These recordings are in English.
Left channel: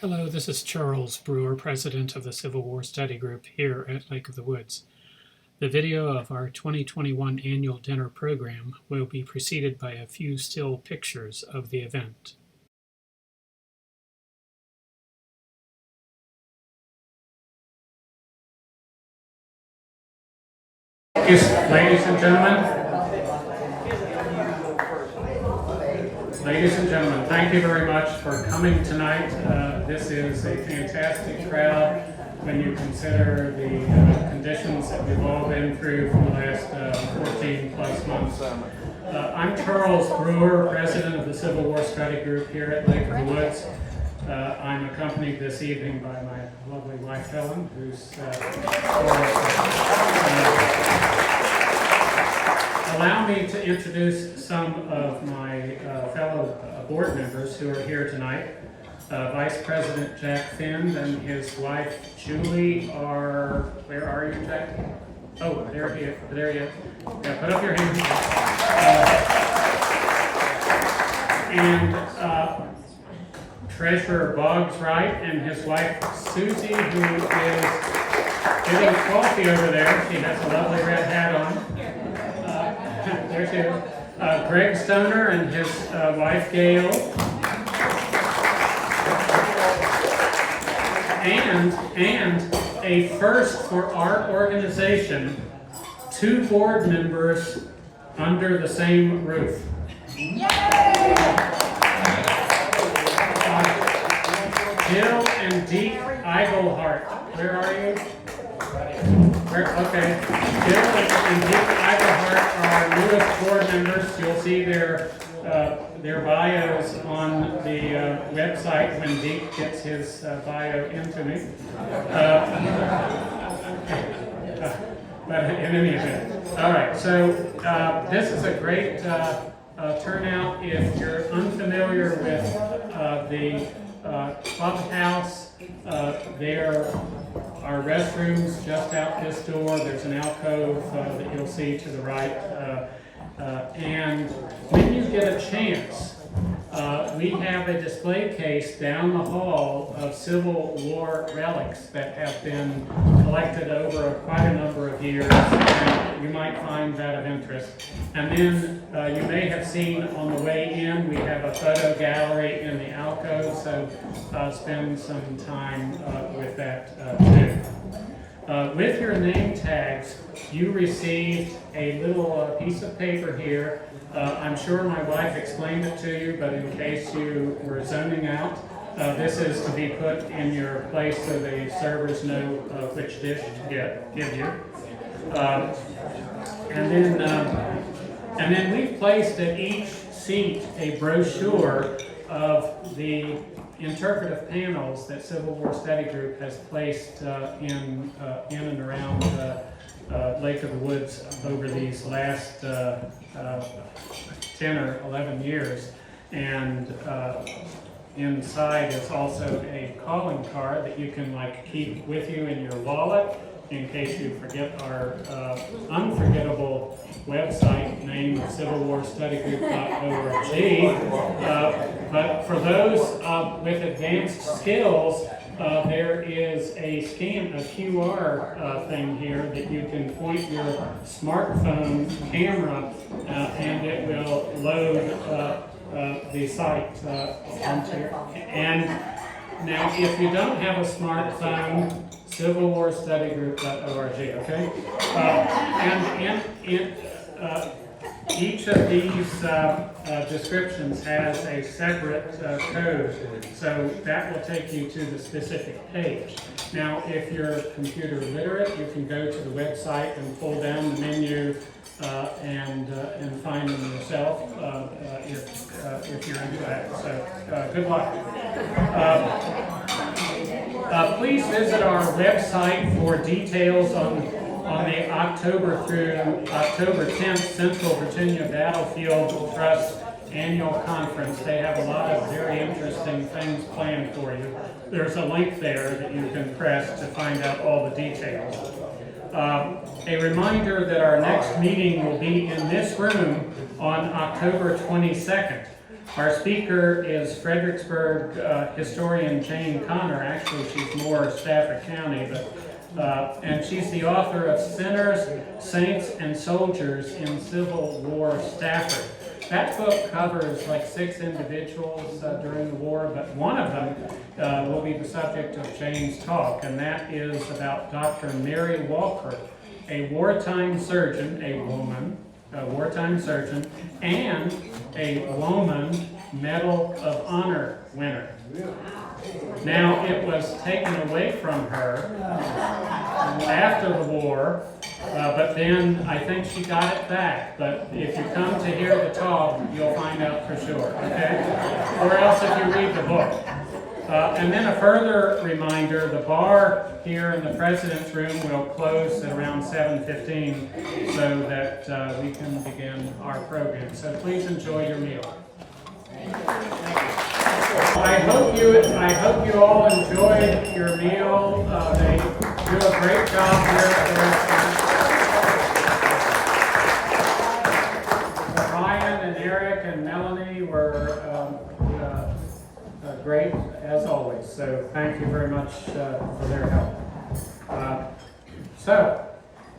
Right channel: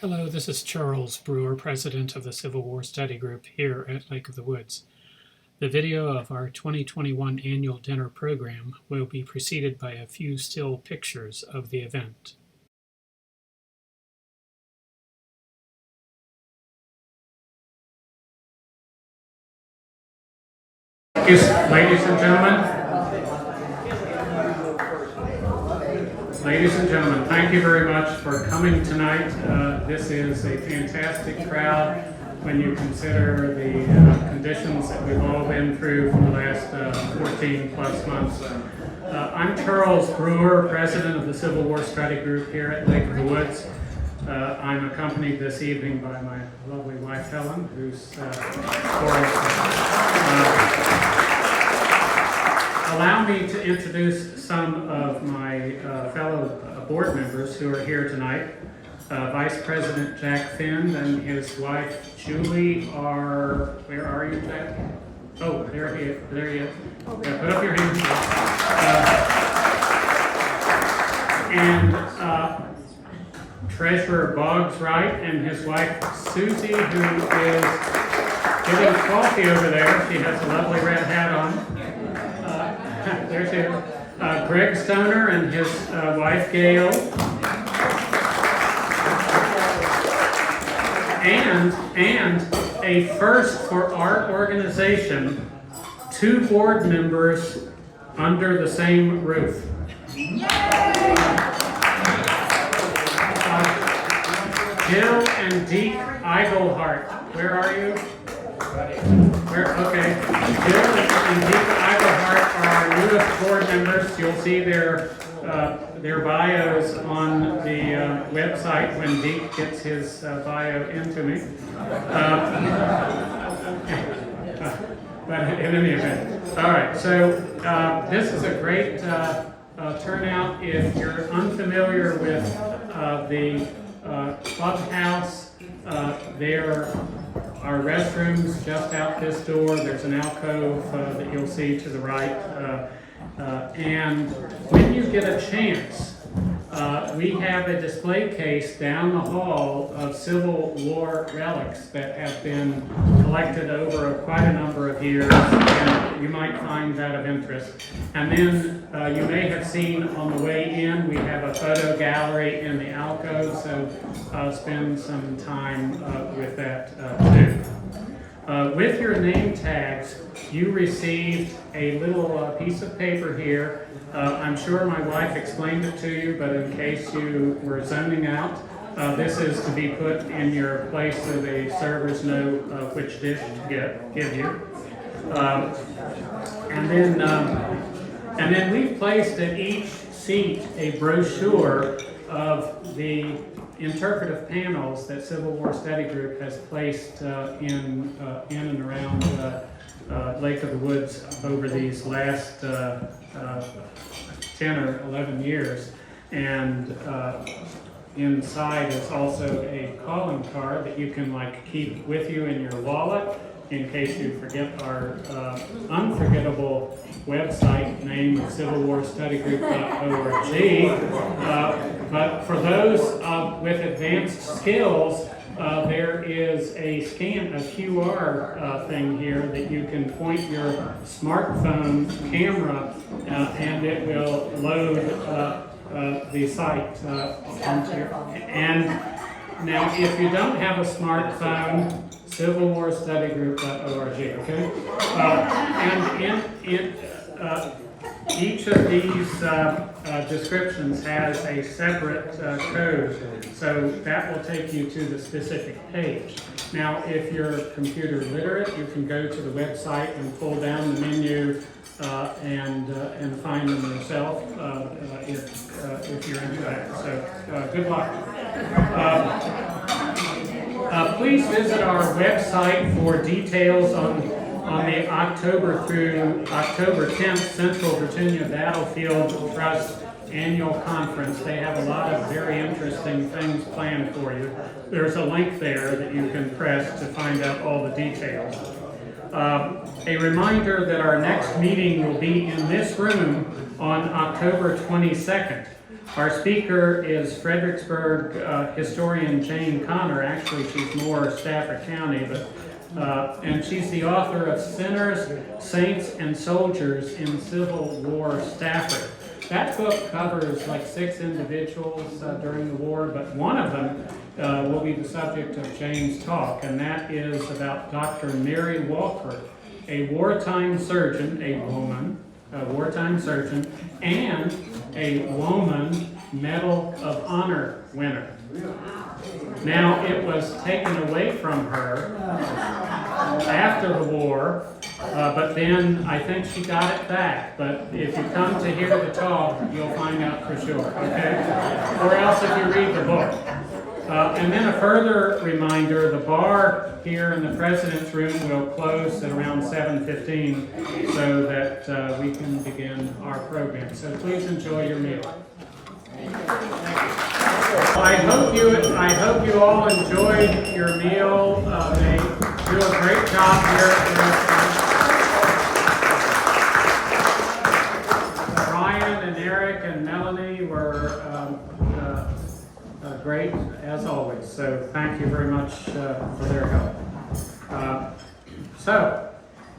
Hello, this is Charles Brewer, President of the Civil War Study Group here at Lake of the Woods. The video of our 2021 annual dinner program will be preceded by a few still pictures of the event. Ladies and gentlemen, thank you very much for coming tonight. This is a fantastic crowd when you consider the conditions that we've all been through for the last 14 plus months. I'm Charles Brewer, President of the Civil War Study Group here at Lake of the Woods. I'm accompanied this evening by my lovely wife Helen, who's allow me to introduce some of my fellow board members who are here tonight. Vice President Jack Finn and his wife Julie are, where are you, Jack? Oh, there he is. Yeah, put up your hands. And Treasurer Boggs Wright and his wife Susie, who is getting coffee over there. She has a lovely red hat on. There she is. Gregg Stoner and his wife Gail. And a first for our organization, 2 board members under the same roof. Jill and Deke Eigelhart. Where are you? Okay. Jill and Deke Eigelhart are our newest board members. You'll see their bios on the website when Deke gets his bio into me. But in any event. All right, so this is a great turnout. If you're unfamiliar with the clubhouse, there are restrooms just out this door. There's an alcove that you'll see to the right. And when you get a chance, we have a display case down the hall of Civil War relics that have been collected over quite a number of years, and you might find that of interest. And then you may have seen on the way in, we have a photo gallery in the alcove, so spend some time with that too. With your name tags, you received a little piece of paper here. I'm sure my wife explained it to you, but in case you were zoning out, this is to be put in your place so the servers know which dish to give you. And then we've placed at each seat a brochure of the interpretive panels that Civil War Study Group has placed in and around Lake of the Woods over these last 10 or 11 years. And inside is also a calling card that you can keep with you in your wallet in case you forget our unforgettable website name of civilwarstudygroup.org. But for those with advanced skills, there is a QR thing here that you can point your smartphone camera and it will load the site onto your, and now if you don't have a smartphone, civilwarstudygroup.org, okay? And in each of these descriptions has a separate code, so that will take you to the specific page. Now, if you're computer literate, you can go to the website and pull down the menu and find them yourself if you're into that. So, good luck. Please visit our website for details on the October through October 10th Central Virginia Battlefield Trust Annual Conference. They have a lot of very interesting things planned for you. There's a link there that you can press to find out all the details. A reminder that our next meeting will be in this room on October 22nd. Our speaker is Fredericksburg historian Jane Connor. Actually, she's more Stafford County, and she's the author of Sinners, Saints, and Soldiers in Civil War Stafford. That book covers like 6 individuals during the war, but one of them will be the subject of Jane's talk, and that is about Dr. Mary Walker, a wartime surgeon, a wartime surgeon, and a woman Medal of Honor winner. Now, it was taken away from her after the war, but then I think she got it back. But if you come to hear the talk, you'll find out for sure, okay? Or else if you read the book. And then a further reminder, the bar here in the President's Room will close at around 7:15 so that we can begin our program. So please enjoy your meal. I hope you all enjoyed your meal. They do a great job here at the restaurant. Ryan and Eric and Melanie were great as always. So thank you very much for their help. So,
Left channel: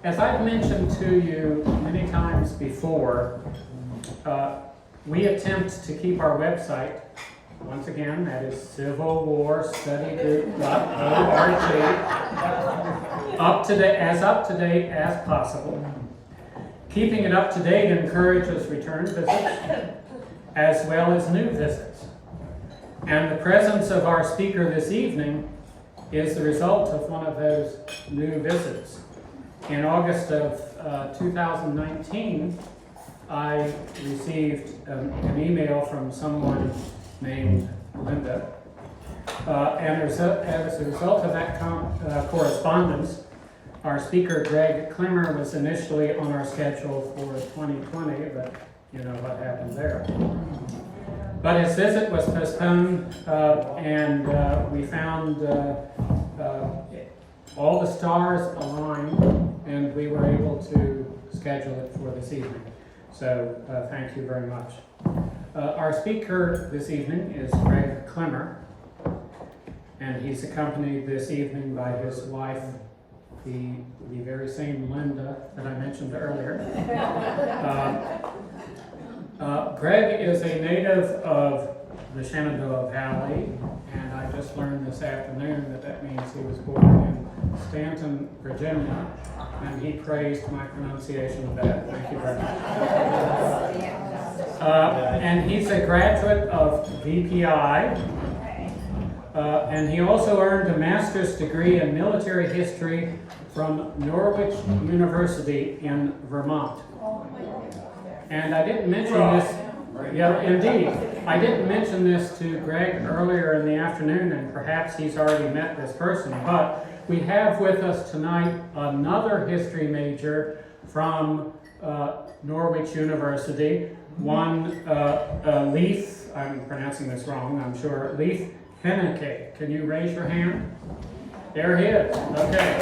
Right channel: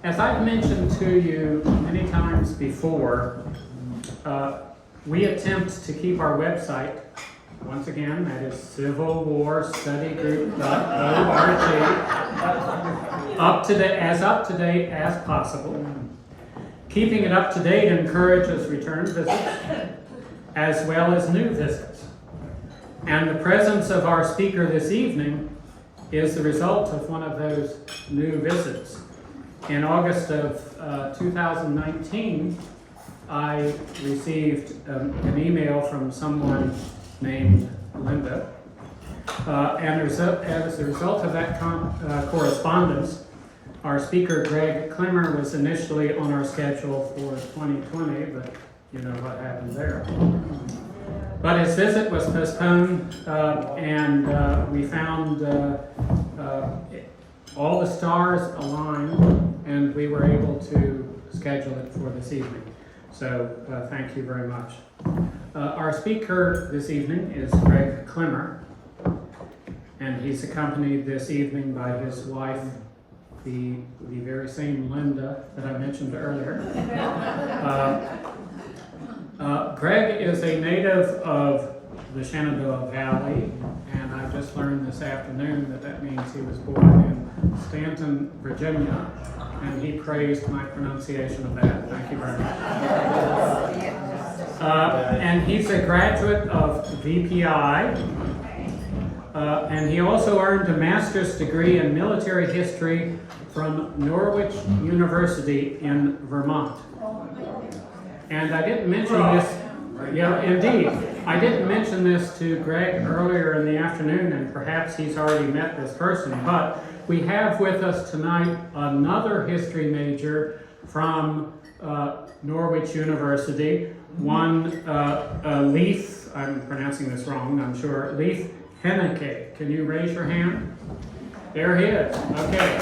as I've mentioned to you many times before, we attempt to keep our website, once again, that is civilwarstudygroup.org, as up to date as possible. Keeping it up to date encourages return visits as well as new visits. And the presence of our speaker this evening is the result of one of those new visits. In August of 2019, I received an email from someone named Linda, and as a result of that correspondence, our speaker Gregg Clemmer was initially on our schedule for 2020, but you know what happened there. But his visit was postponed, and we found all the stars aligned, and we were able to schedule it for this evening. So thank you very much. Our speaker this evening is Gregg Clemmer, and he's accompanied this evening by his wife, the very same Linda that I mentioned earlier. Greg is a native of the Shenandoah Valley, and I just learned this afternoon that means he was born in Stanton, Virginia, and he praised my pronunciation of that. Thank you very much. And he's a graduate of VPI, and he also earned a master's degree in military history from Norwich University in Vermont. And I didn't mention this, yeah, indeed. I didn't mention this to Greg earlier in the afternoon, and perhaps he's already met this person, but we have with us tonight another history major from Norwich University, one Leif, I'm pronouncing this wrong, I'm sure, Leif Henneke. Can you raise your hand? There he is. Okay.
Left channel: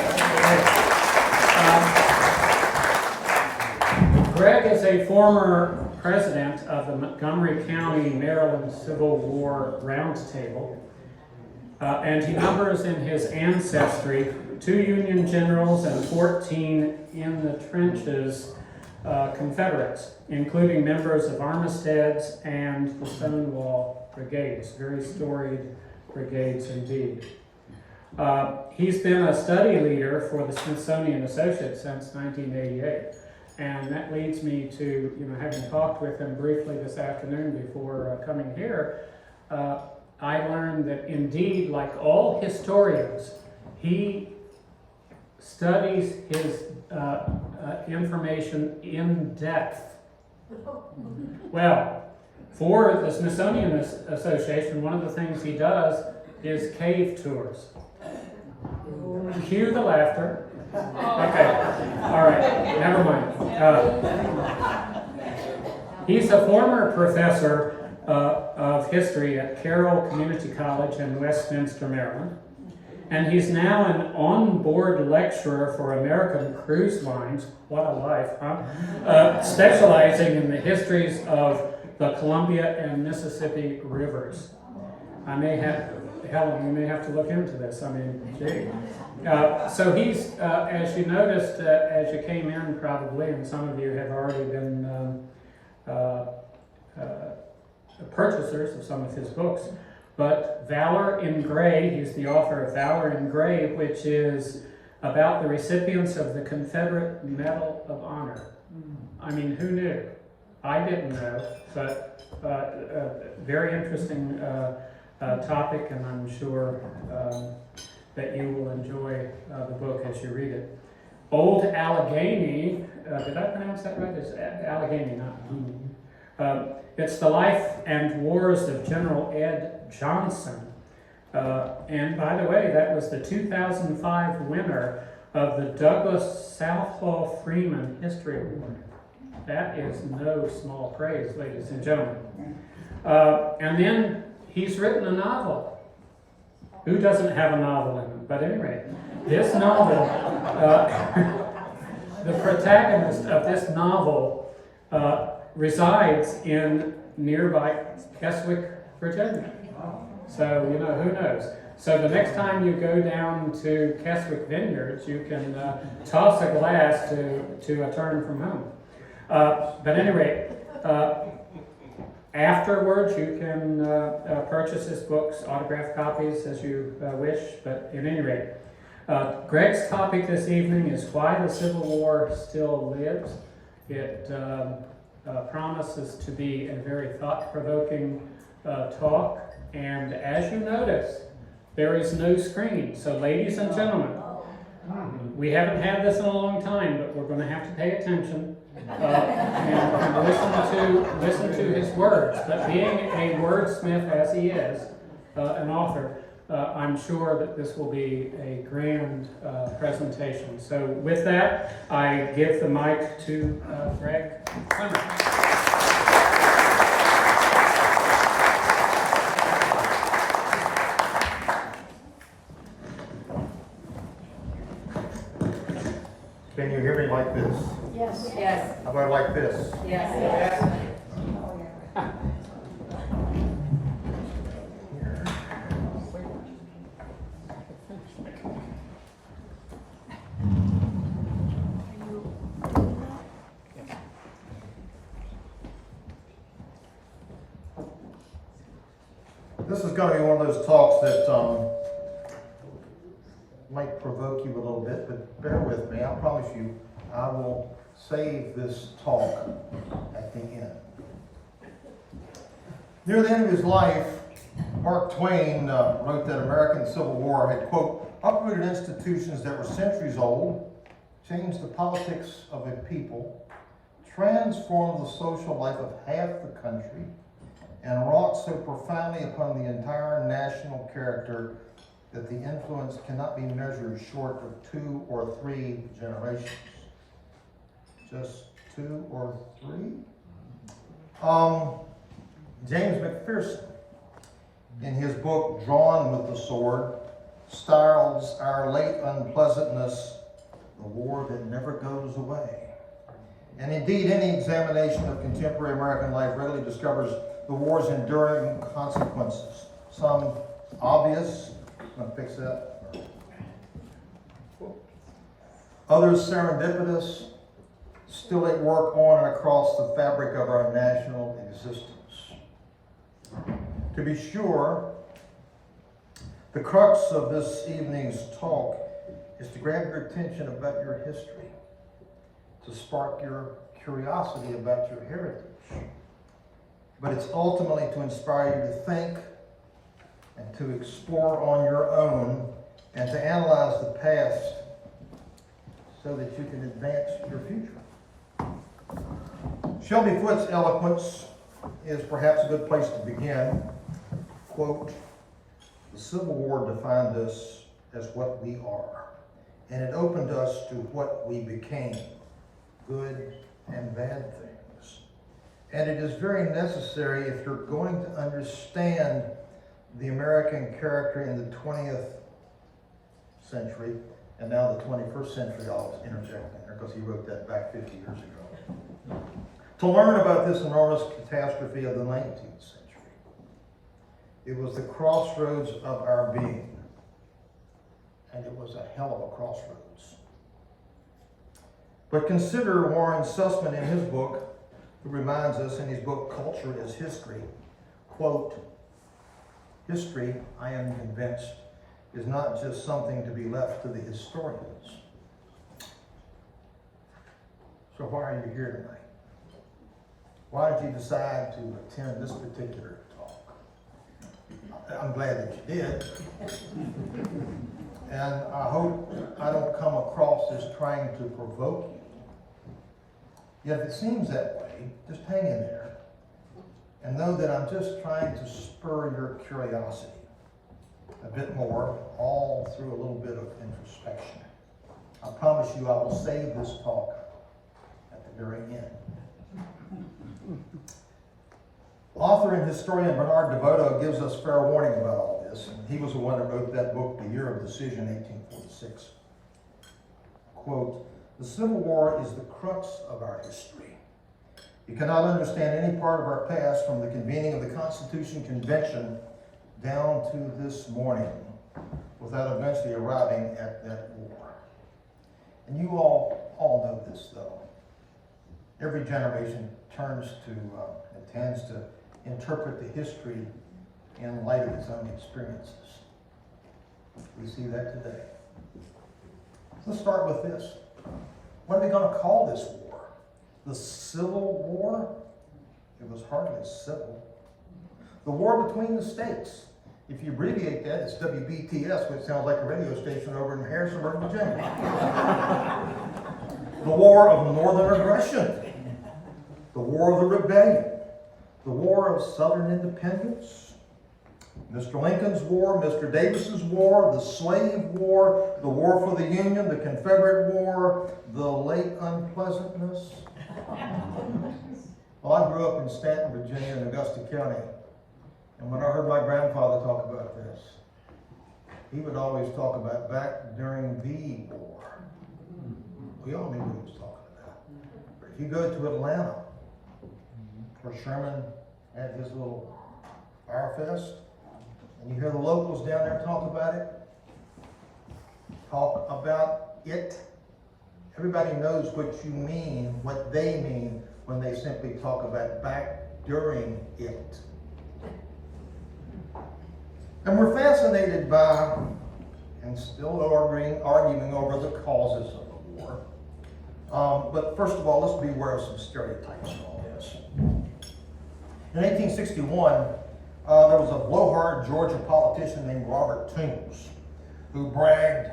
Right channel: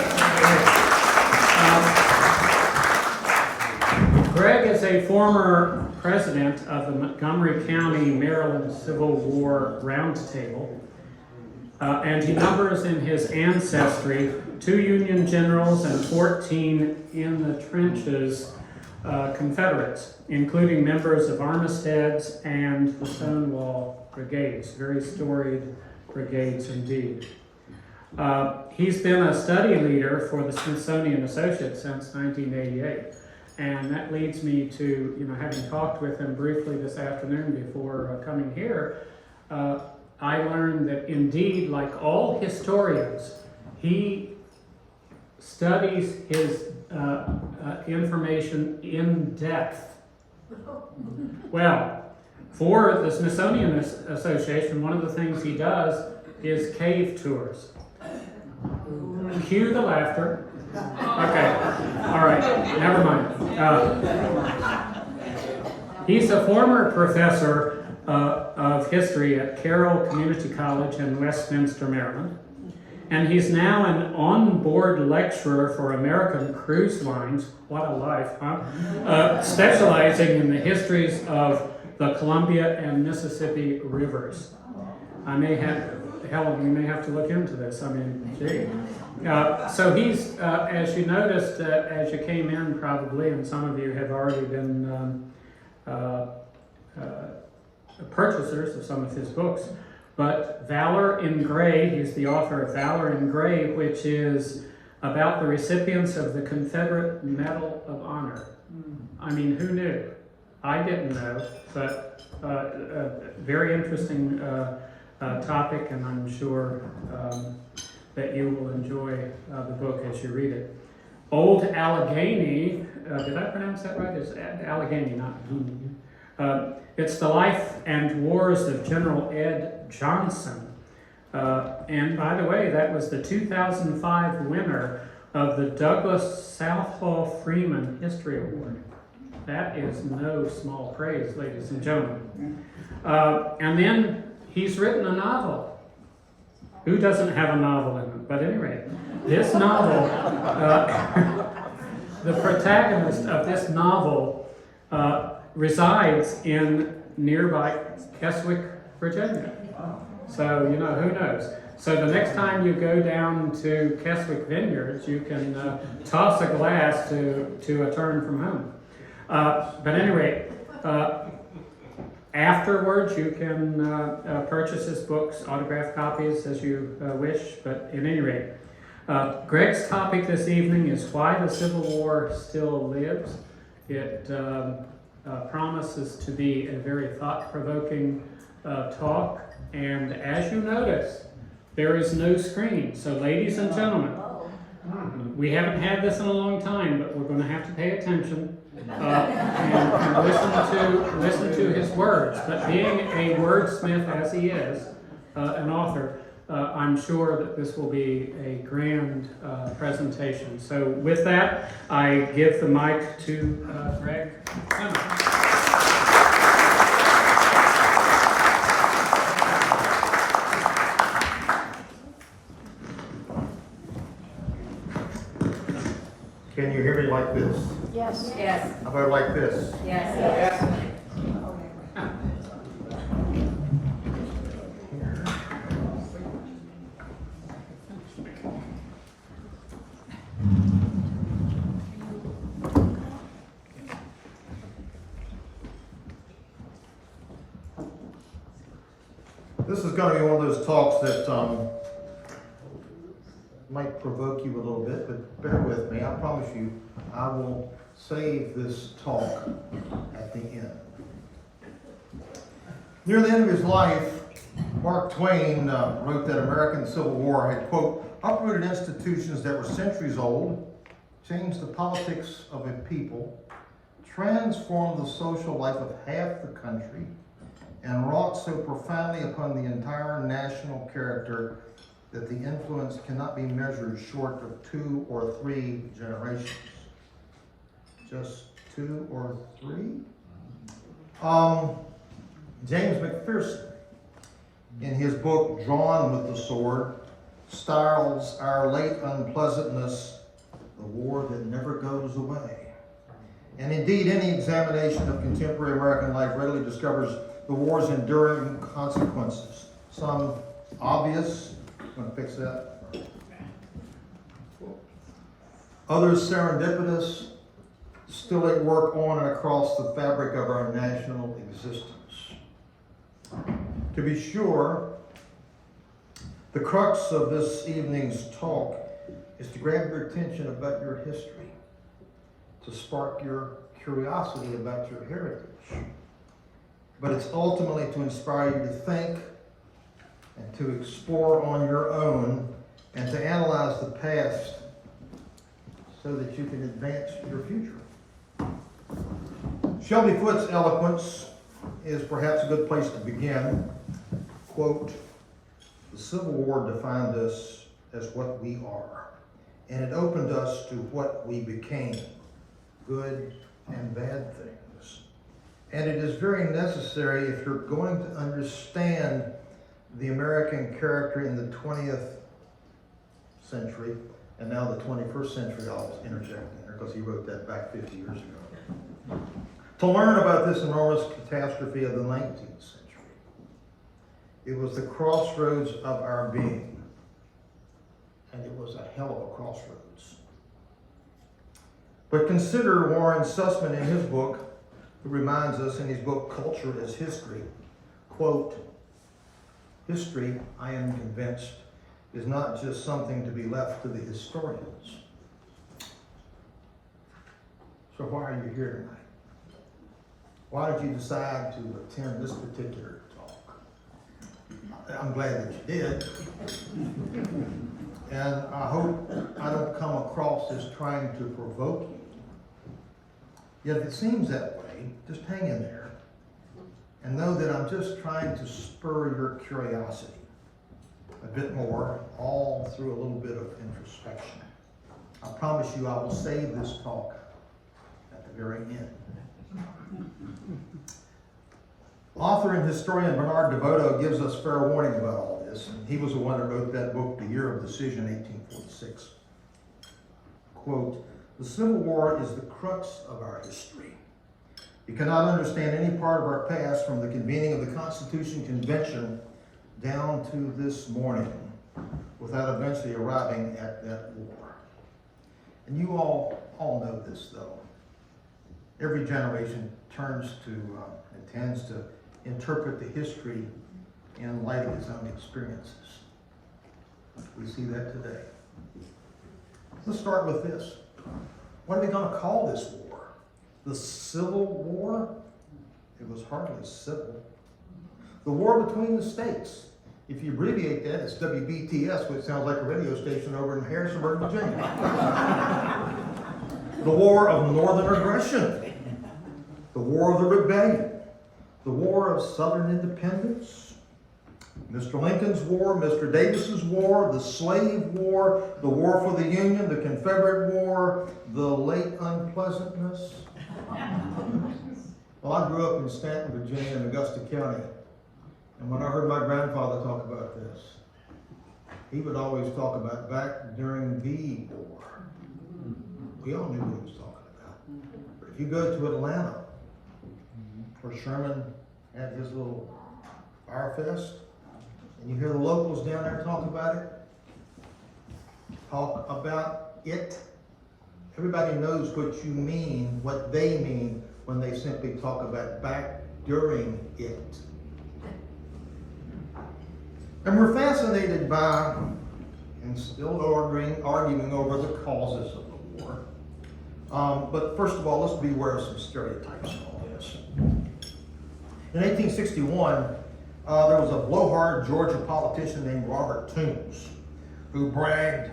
Greg is a former president of the Montgomery County, Maryland Civil War Roundtable, and he numbers in his ancestry 2 Union generals and 14 in the trenches Confederates, including members of Armistead's and the Stonewall Brigades, very storied brigades indeed. He's been a study leader for the Smithsonian Associates since 1988. And that leads me to, having talked with him briefly this afternoon before coming here, I learned that indeed, like all historians, he studies his information in depth. Well, for the Smithsonian Association, one of the things he does is cave tours. Cue the laughter. Okay, all right, never mind. He's a former professor of history at Carroll Community College in Westminster, Maryland, and he's now an on-board lecturer for American Cruise Lines. What a life, huh? Specializing in the histories of the Columbia and Mississippi rivers. Helen, you may have to look into this. I mean, gee. So he's, as you noticed, as you came in probably, and some of you have already been purchasers of some of his books, but Valor in Gray, he's the author of Valor in Gray, which is about the recipients of the Confederate Medal of Honor. I mean, who knew? I didn't know, but very interesting topic, and I'm sure that you will enjoy the book as you read it. Old Allegheny, did I pronounce that right? It's Allegheny, not Guinea. It's the life and wars of General Ed Johnson. And by the way, that was the 2005 winner of the Douglas Southall Freeman History Award. That is no small praise, ladies and gentlemen. And then he's written a novel. Who doesn't have a novel in them? But at any rate, this novel, the protagonist of this novel resides in nearby Keswick, Virginia. So, you know, who knows? So the next time you go down to Keswick Vineyards, you can toss a glass to a turn from home. But at any rate, afterwards you can purchase his books, autographed copies as you wish, but at any rate, Gregg's topic this evening is why the Civil War still lives. It promises to be a very thought-provoking talk, and as you notice, there is no screen. So ladies and gentlemen, we haven't had this in a long time, but we're going to have to pay attention and listen to his words. But being a wordsmith as he is, an author, I'm sure that this will be a grand presentation. So with that, I give the mic to Gregg Clemmer. Can you hear me like this? Yes. Yes. How about like this? Yes. Yes. This is going to be one of those talks that might provoke you a little bit, but bear with me. I promise you, I will save this talk at the end. Near the end of his life, Mark Twain wrote that American Civil War had, quote, uprooted institutions that were centuries old, changed the politics of a people, transformed the social life of half the country, and wrought so profoundly upon the entire national character that the influence cannot be measured short of 2 or 3 generations. Just 2 or 3? James McPherson, in his book Drawn with the Sword, styles our late unpleasantness the war that never goes away. And indeed, any examination of contemporary American life readily discovers the war's enduring consequences. Some obvious, I'm going to fix that. Others serendipitous, still at work on and across the fabric of our national existence. To be sure, the crux of this evening's talk is to grab your attention about your history, to spark your curiosity about your heritage. But it's ultimately to inspire you to think and to explore on your own and to analyze the past so that you can advance your future. Shelby Foote's eloquence is perhaps a good place to begin. Quote, the Civil War defined us as what we are, and it opened us to what we became, good and bad things. And it is very necessary if you're going to understand the American character in the 20th century, and now the 21st century, I'll interject in there because he wrote that back 50 years ago. to learn about this enormous catastrophe of the 19th century. It was the crossroads of our being, and it was a hell of a crossroads. But consider Warren Sussman in his book, who reminds us in his book, Culture as History, quote, "History, I am convinced, is not just something to be left to the historians." So why are you here tonight? Why did you decide to attend this particular talk? I'm glad that you did. And I hope I don't come across as trying to provoke you. Yet if it seems that way, just hang in there and know that I'm just trying to spur your curiosity a bit more, all through a little bit of introspection. I promise you I will save this talk at the very end. Author and historian Bernard DeVoto gives us fair warning about all this, and he was the one that wrote that book, The Year of Decision, 1846. Quote, "The Civil War is the crux of our history. You cannot understand any part of our past from the convening of the Constitution Convention down to this morning without eventually arriving at that war." And you all know this, though. Every generation turns to and tends to interpret the history in light of its own experiences. We see that today. Let's start with this. What are we going to call this war? The Civil War? It was hardly civil. The war between the states. If you abbreviate that, it's WBTS, which sounds like a radio station over in Harrisonburg, Virginia. The war of northern aggression. The war of the rebellion. The war of Southern independence. Mr. Lincoln's war, Mr. Davis's war, the slave war, the war for the Union, the Confederate war, the late unpleasantness. Well, I grew up in Stanton, Virginia, in Augusta County. And when I heard my grandfather talk about this, he would always talk about back during the war. We all knew what he was talking about. But if you go to Atlanta, where Sherman had his little fire fest, and you hear the locals down there talk about it, everybody knows what you mean, what they mean when they simply talk about back during it. And we're fascinated by, and still arguing over the causes of the war. But first of all, let's be aware of some stereotypes in all this. In 1861, there was a blowhard Georgia politician named Robert Toombs who bragged,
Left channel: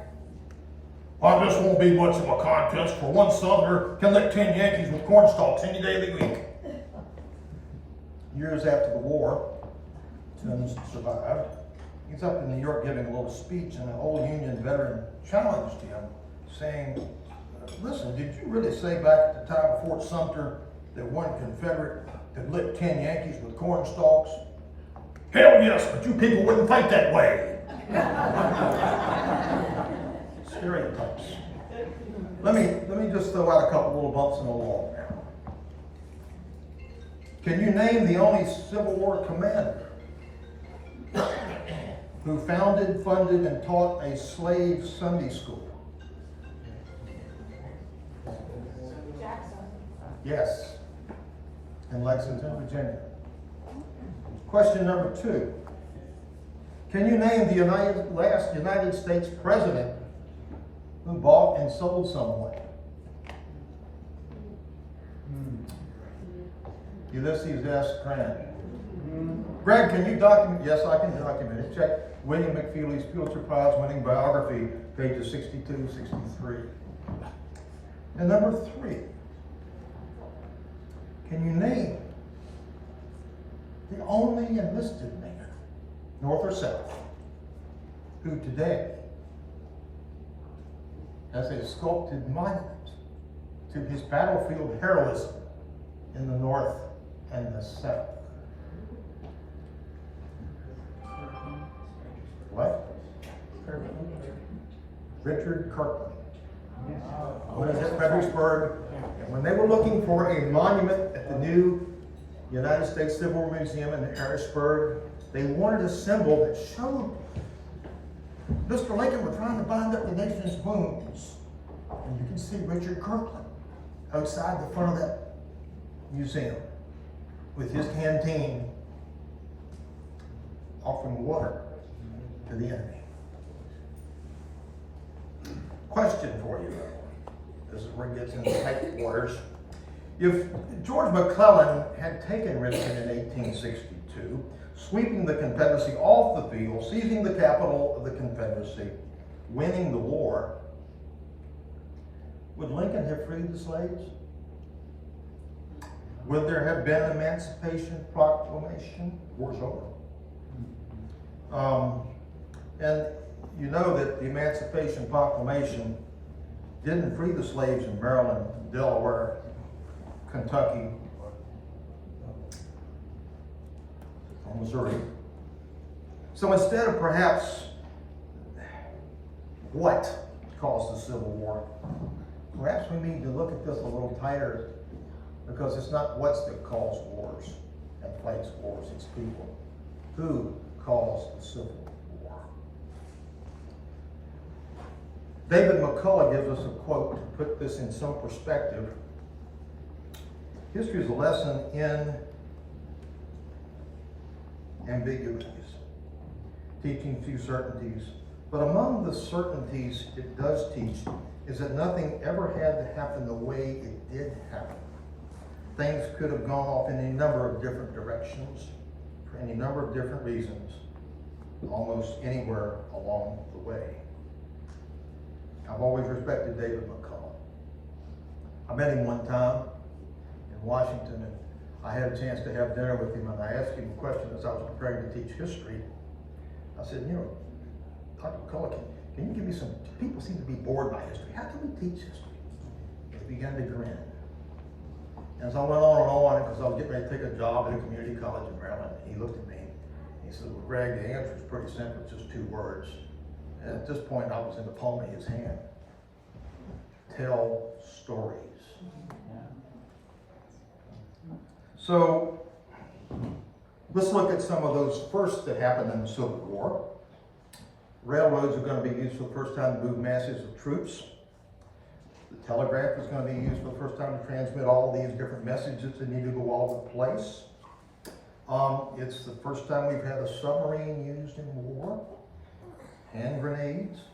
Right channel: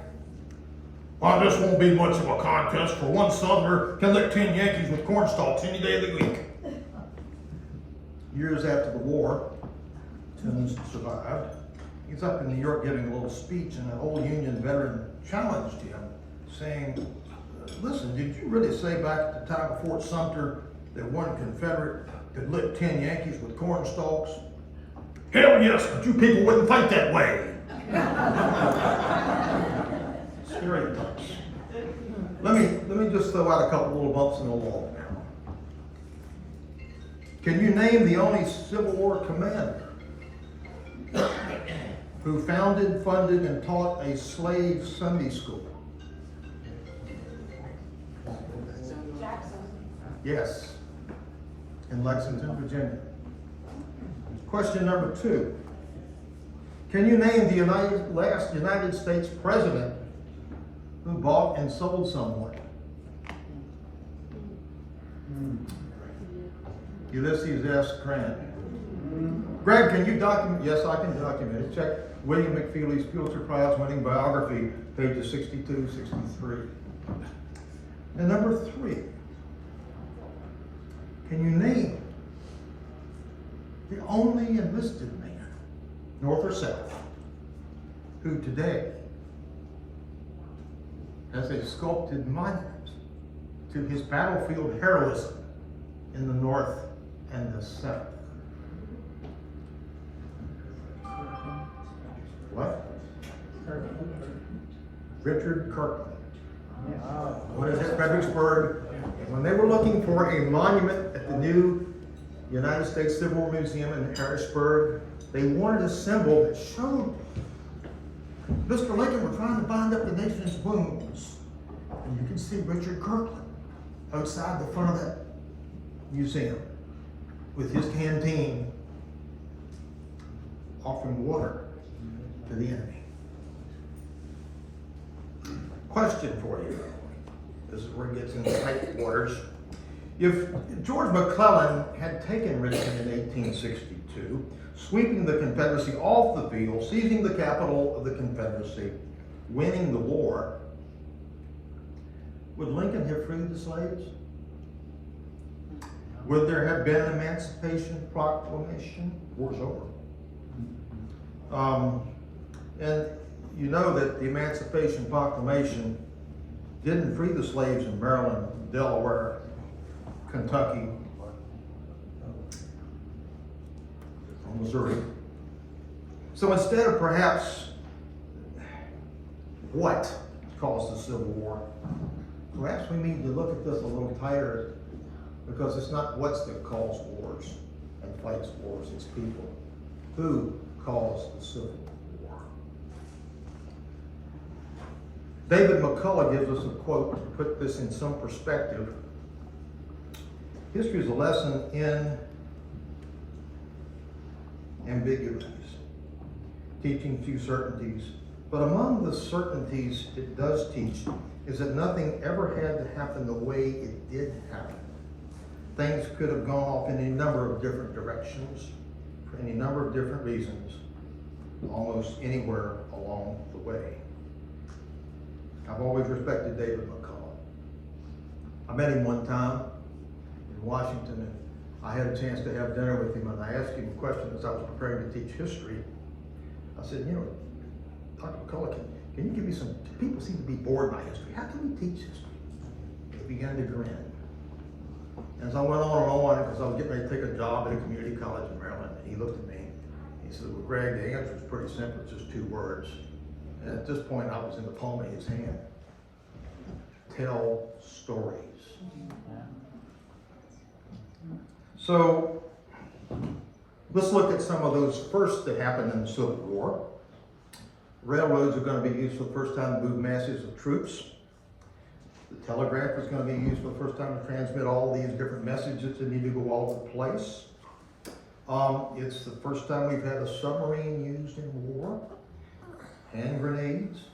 "Well, this won't be much of a contest, for one Southerner can lick 10 Yankees with cornstalks any day of the week." Years after the war, Toombs survived. He's up in New York giving a little speech, and an old Union veteran challenged him, saying, "Listen, did you really say back at the time of Fort Sumter that one Confederate could lick 10 Yankees with cornstalks?" "Hell yes, but you people wouldn't think that way." Stereotypes. Let me just throw out a couple little bumps in the wall now. Can you name the only Civil War commander who founded, funded, and taught a slave Sunday school? Jackson. Yes, in Lexington, Virginia. Question number 2. Can you name the last United States president who bought and sold someone? Ulysses S. Grant. Greg, can you document? Yes, I can document it. Check William McFeely's Pulitzer Prize winning biography, pages 62, 63. And number 3. Can you name the only enlisted man, North or South, who today has a sculpted monument to his battlefield heroism in the North and the South? What? Richard Kirkland. When it was at Fredericksburg, and when they were looking for a monument at the new United States Civil War Museum in Harrisburg, they wanted a symbol that showed Mr. Lincoln was trying to bind up the nation's wounds. And you can see Richard Kirkland outside the front of that museum with his canteen offering water to the enemy. Question for you, though. This is where it gets into tight waters. If George McClellan had taken Richmond in 1862, sweeping the Confederacy off the field, seizing the capital of the Confederacy, winning the war, would Lincoln have freed the slaves? Would there have been an Emancipation Proclamation? War's over. And you know that the Emancipation Proclamation didn't free the slaves in Maryland, Delaware, Kentucky, and Missouri. So instead of perhaps what caused the Civil War, perhaps we need to look at this a little tighter, because it's not what's that cause wars and fights wars, it's people. Who caused the Civil War? David McCullough gives us a quote to put this in some perspective. History is a lesson in ambiguities, teaching few certainties. But among the certainties it does teach is that nothing ever had to happen the way it did happen. Things could have gone off in any number of different directions, for any number of different reasons, almost anywhere along the way. I've always respected David McCullough. I met him one time in Washington, and I had a chance to have dinner with him, and I asked him a question as I was preparing to teach history. I said, you know, Dr. McCullough, can you give me some, people seem to be bored by history. How can we teach history? And he began to grin. As I went on and on, because I was getting ready to take a job at a community college in Maryland, and he looked at me, and he said, well, Greg, the answer is pretty simple, it's just 2 words. And at this point, I was in the palm of his hand. Tell stories. So, let's look at some of those first that happened in the Civil War. Railroads are going to be used for the first time to move masses of troops. The telegraph is going to be used for the first time to transmit all these different messages that need to go all over the place. It's the first time we've had a submarine used in war. Hand grenades,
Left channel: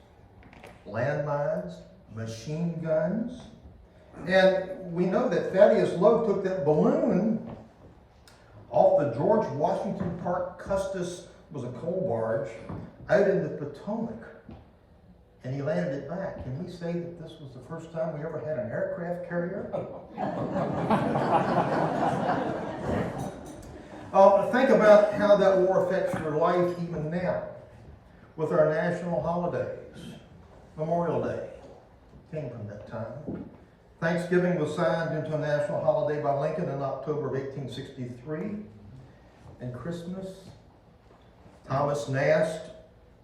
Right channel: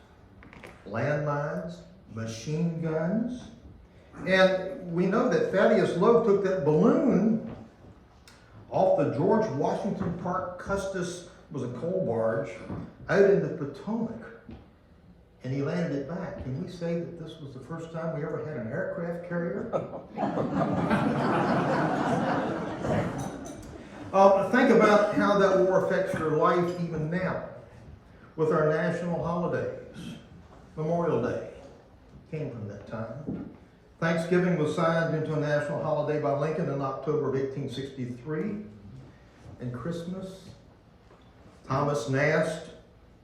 landmines, machine guns. And we know that Thaddeus Lowe took that balloon off the George Washington Park Custis, was a coal barge, out in the Potomac, and he landed it back. Can we say that this was the first time we ever had an aircraft carrier? Think about how that war affects your life even now, with our national holidays. Memorial Day came from that time. Thanksgiving was signed into a national holiday by Lincoln in October of 1863. And Christmas, Thomas Nast,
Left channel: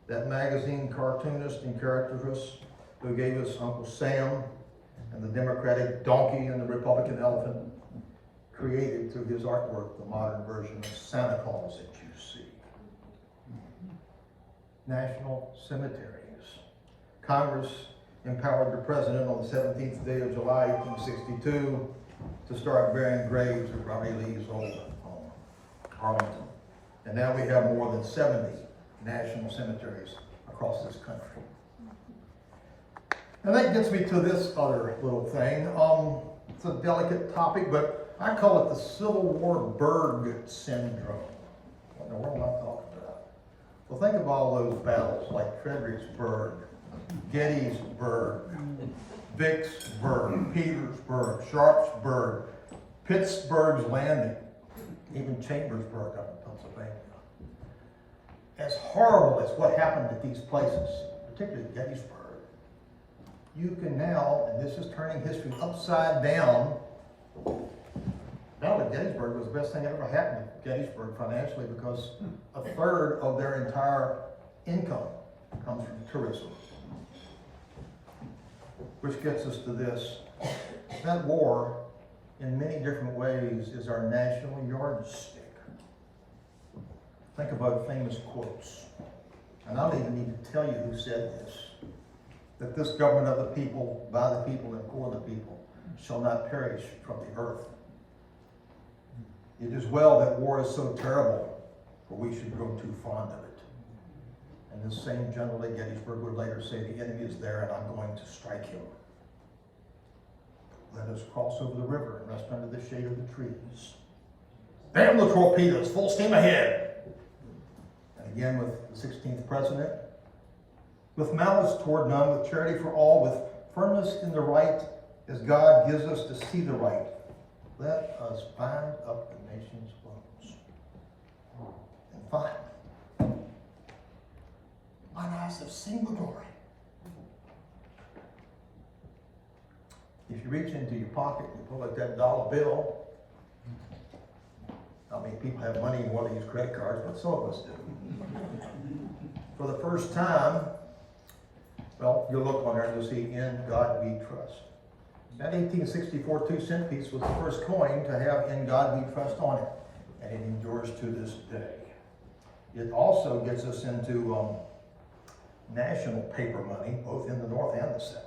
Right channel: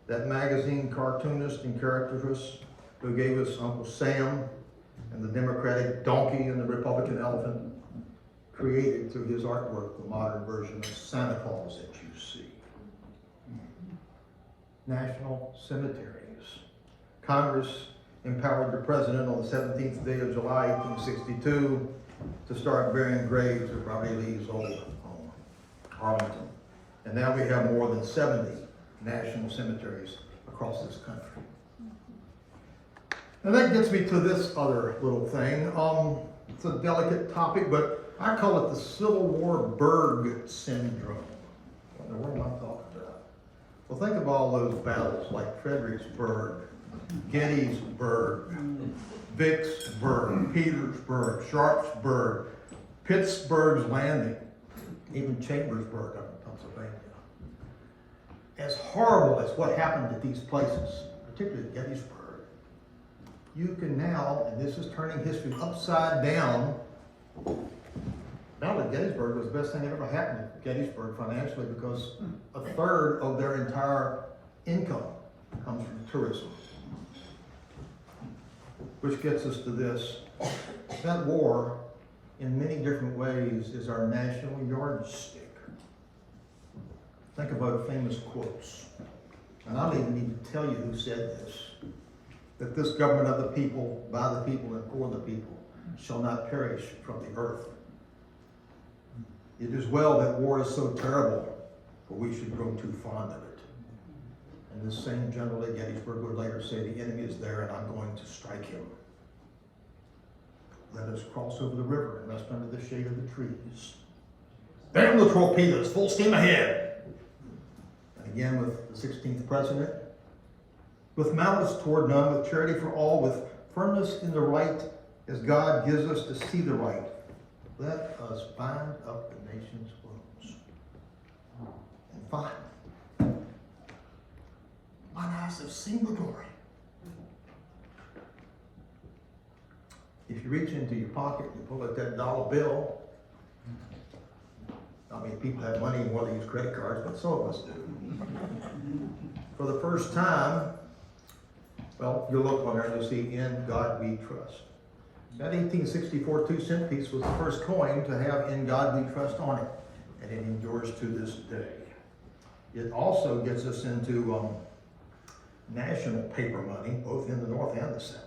that magazine cartoonist and caricaturist who gave us Uncle Sam and the Democratic donkey and the Republican elephant, created through his artwork the modern version of Santa Claus that you see. National cemeteries. Congress empowered the president on the 17th day of July, 1862, to start burying graves at Robert E. Lee's old home, Arlington. And now we have more than 70 national cemeteries across this country. And that gets me to this other little thing. It's a delicate topic, but I call it the Civil War Berg syndrome. What am I talking about? Well, think of all those battles like Fredericksburg, Gettysburg, Vicksburg, Petersburg, Sharpsburg, Pittsburgh's Landing, even Chambersburg up in Pennsylvania. As horrible as what happened at these places, particularly Gettysburg, you can now, and this is turning history upside down, now that Gettysburg was the best thing that ever happened to Gettysburg financially, because a third of their entire income comes from tourism. Which gets us to this. That war, in many different ways, is our national yardstick. Think about famous quotes. And I don't even need to tell you who said this. That this government of the people, by the people, and for the people, shall not perish from the earth. It is well that war is so terrible, but we should grow too fond of it. And this same General at Gettysburg would later say, the enemy is there and I'm going to strike him. Let us cross over the river and rest under the shade of the trees. Damn the torpedoes, full steam ahead. And again with the 16th president, with malice toward none, with charity for all, with firmness in the right, as God gives us to see the right. Let us bind up the nation's wounds. And finally, let us have seen the glory. If you reach into your pocket and pull out that dollar bill, I mean, people have money more than use credit cards, but some of us do. For the first time, well, you'll look on there and you'll see, in God we trust. That 1864 2-cent piece was the first coin to have in God we trust on it, and it endures to this day. It also gets us into national paper money, both in the North and the South.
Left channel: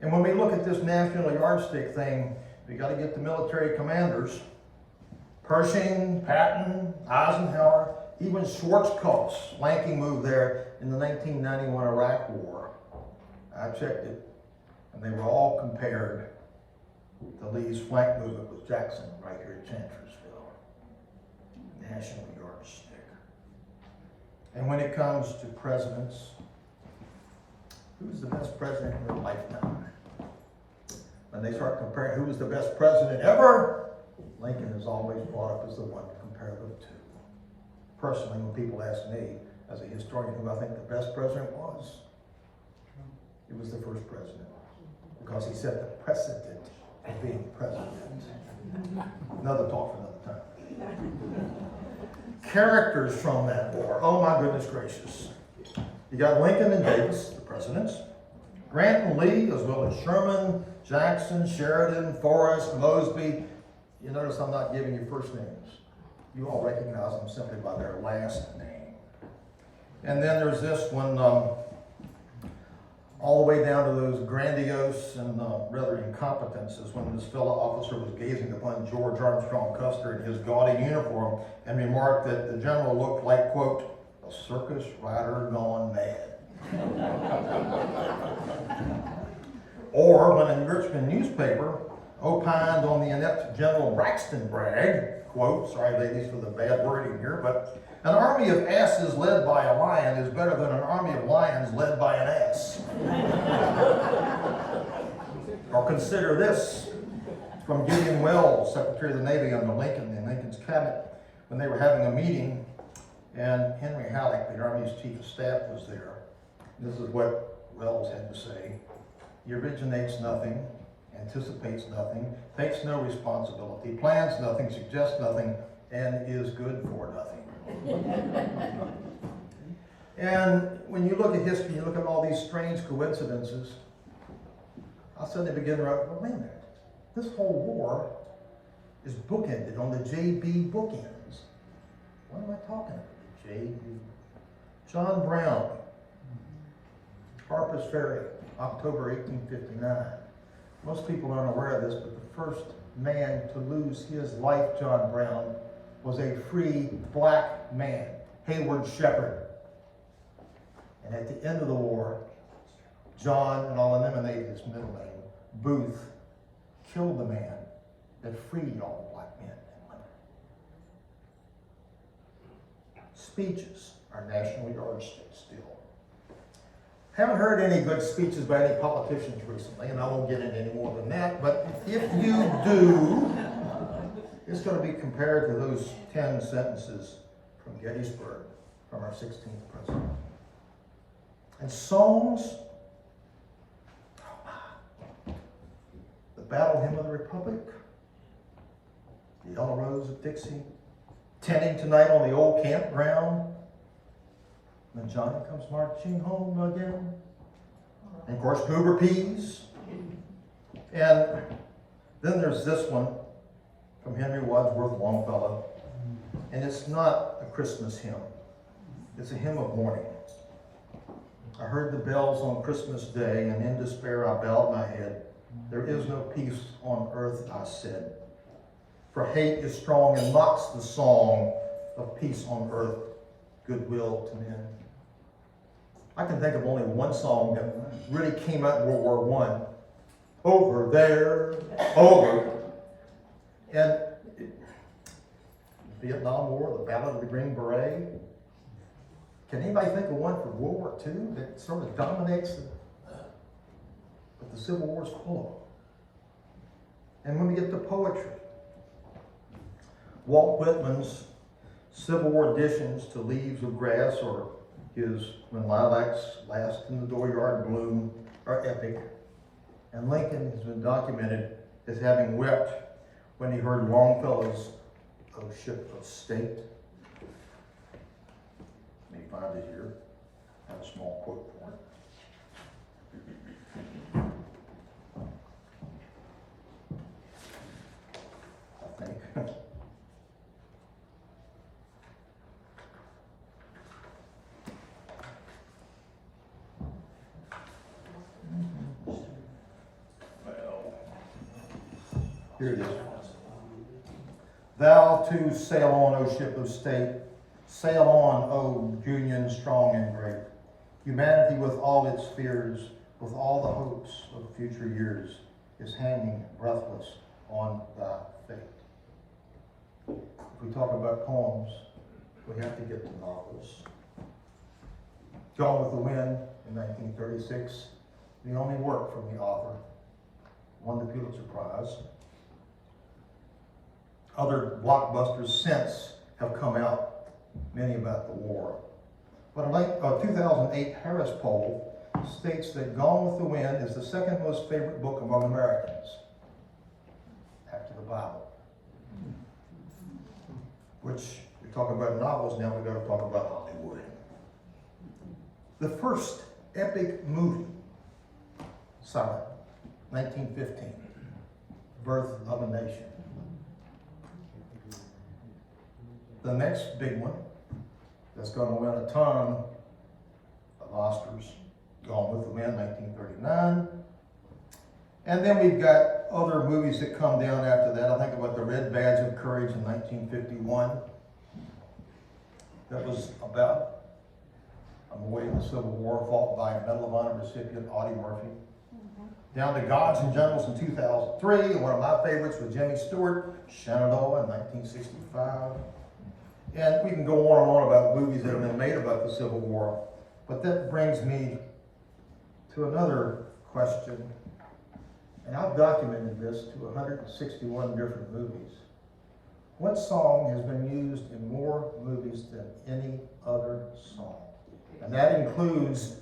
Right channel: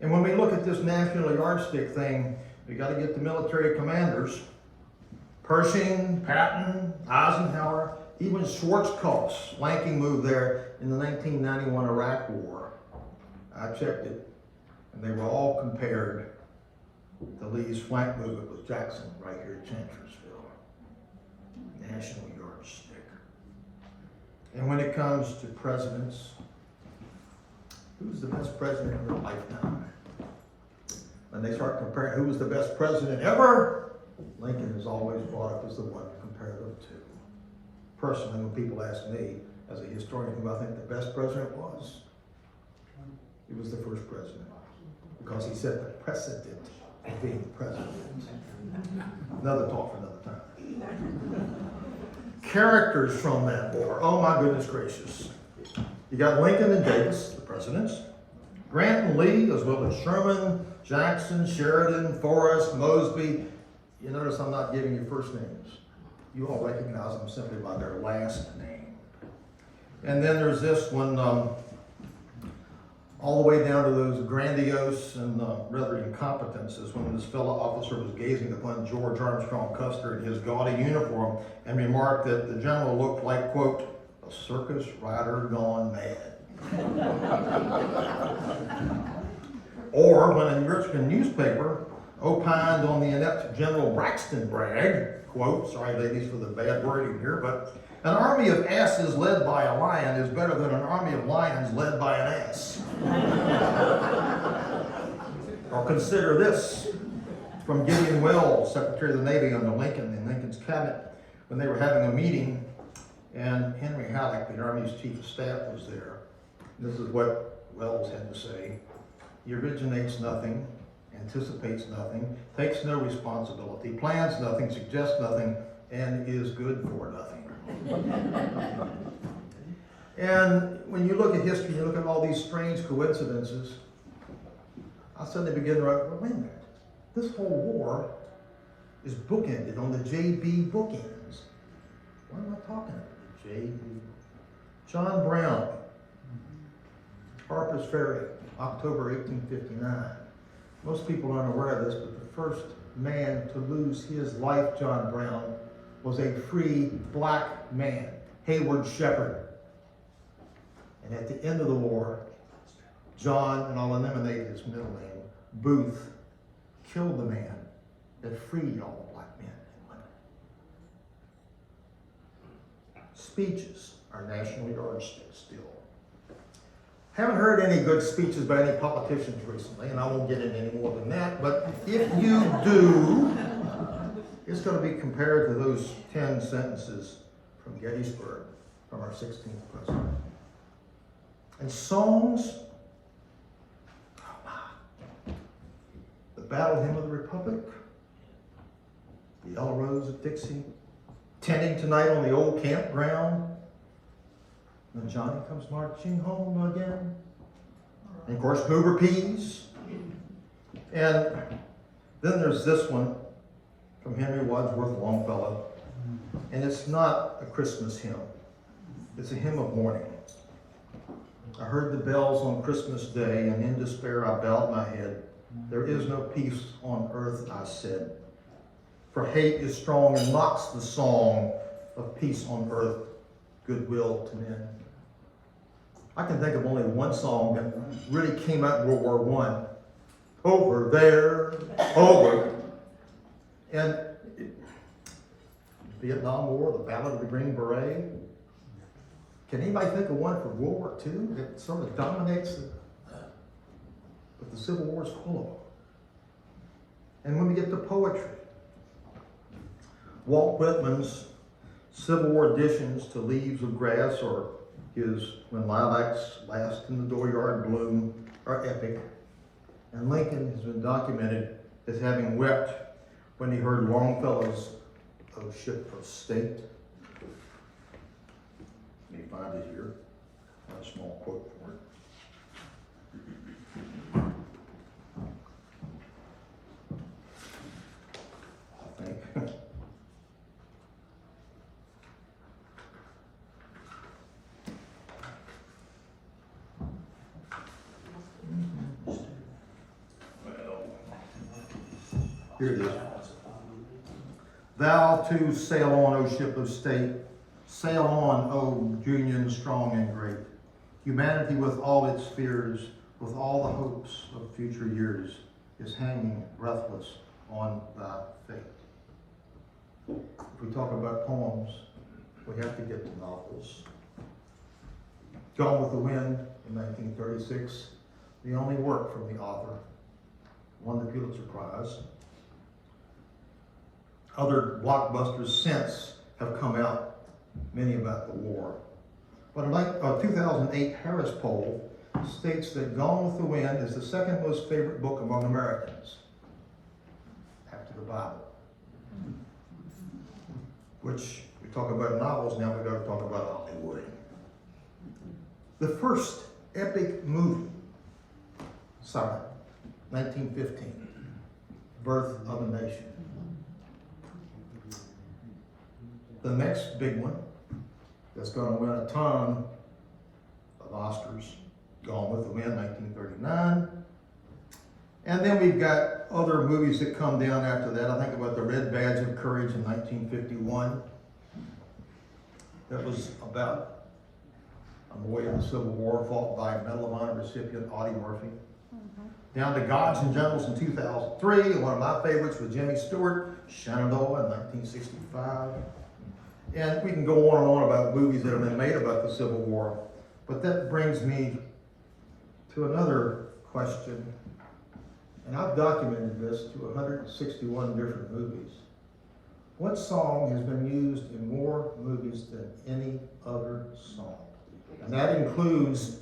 And when we look at this national yardstick thing, we got to get the military commanders, Pershing, Patton, Eisenhower, even Schwarzkopf's lanky move there in the 1991 Iraq War. I checked it. And they were all compared to Lee's flank movement with Jackson right here at Chancellorsville. National yardstick. And when it comes to presidents, who's the best president in your lifetime? When they start comparing who was the best president ever, Lincoln is always brought up as the one to compare them to. Personally, when people ask me, as a historian, who I think the best president was, it was the first president. Because he set the precedent of being president. Another talk for another time. Characters from that war. Oh my goodness gracious. You got Lincoln and Davis, the presidents. Grant and Lee, as well as Sherman, Jackson, Sheridan, Forrest, Mosby. You notice I'm not giving you first names. You all recognize them simply by their last name. And then there's this one, all the way down to those grandiose and rather incompetences when this fellow officer was gazing upon George Armstrong Custer in his gaudy uniform and remarked that the general looked like, quote, a circus rider gone mad. Or when a Richmond newspaper opined on the inept General Braxton Bragg, quote, sorry ladies for the bad wording here, but an army of asses led by a lion is better than an army of lions led by an ass. Or consider this from Gideon Welles, Secretary of the Navy under Lincoln in Lincoln's cabinet, when they were having a meeting, and Henry Halleck, the Army's chief of staff, was there. This is what Welles had to say. He originates nothing, anticipates nothing, takes no responsibility, plans nothing, suggests nothing, and is good for nothing. And when you look at history, you look at all these strange coincidences, I suddenly begin to write, well, wait a minute, this whole war is bookended on the J.B. bookends. What am I talking about? The J.B. John Brown, Harper's Ferry, October 1859. Most people aren't aware of this, but the first man to lose his life, John Brown, was a free black man, Hayward Shepherd. And at the end of the war, John, and I'll eliminate his middle name, Booth, killed the man that freed all the black men and women. Speeches are national yardsticks still. Haven't heard any good speeches by any politicians recently, and I won't get into any more than that, but if you do, it's going to be compared to those 10 sentences from Gettysburg, from our 16th president. And songs, the Battle Hymn of the Republic, the Yellow Rose of Dixie, Tenting Tonight on the Old Campground, when Johnny comes marching home again. And of course, Hoover peas. And then there's this one from Henry Wadsworth Longfellow. And it's not a Christmas hymn. It's a hymn of mourning. I heard the bells on Christmas Day, and in despair I bowed my head. There is no peace on earth, I said. For hate is strong and mocks the song of peace on earth, goodwill to men. I can think of only one song that really came out in World War I. Over there, over. And Vietnam War, the Ballad of the Green Beret. Can anybody think of one for World War II that sort of dominates what the Civil War is full of? And when we get to poetry, Walt Whitman's Civil War additions to Leaves of Grass or his When Lilacs Last in the Dooryard Bloom are epic. And Lincoln has been documented as having wept when he heard Longfellow's O Ship of State. Let me find it here. I have a small quote for it. I think. Here it is. Thou too sail on, O ship of state. Sail on, O Union strong and great. Humanity with all its fears, with all the hopes of future years, is hanging breathless on thy fate. If we talk about poems, we have to get to novels. Gone with the Wind in 1936, the only work from the author, won the Pulitzer Prize. Other blockbusters since have come out, many about the war. But a 2008 Harris poll states that Gone with the Wind is the second most favorite book among Americans, after the Bible. Which, we talk about novels, now we've got to talk about Hollywood. The first epic movie, Silent, 1915, Birth of a Nation. The next big one that's going to win a ton of Oscars, Gone with the Wind, 1939. And then we've got other movies that come down after that. I think about The Red Badge of Courage in 1951. That was about a boy in the Civil War fought by Medal of Honor recipient Audie Murphy. Down to Gods and Generals in 2003. One of my favorites with Jimmy Stewart, Shenandoah in 1965. And we can go on and on about movies that have been made about the Civil War. But that brings me to another question. And I've documented this to 161 different movies. What song has been used in more movies than any other song? And that includes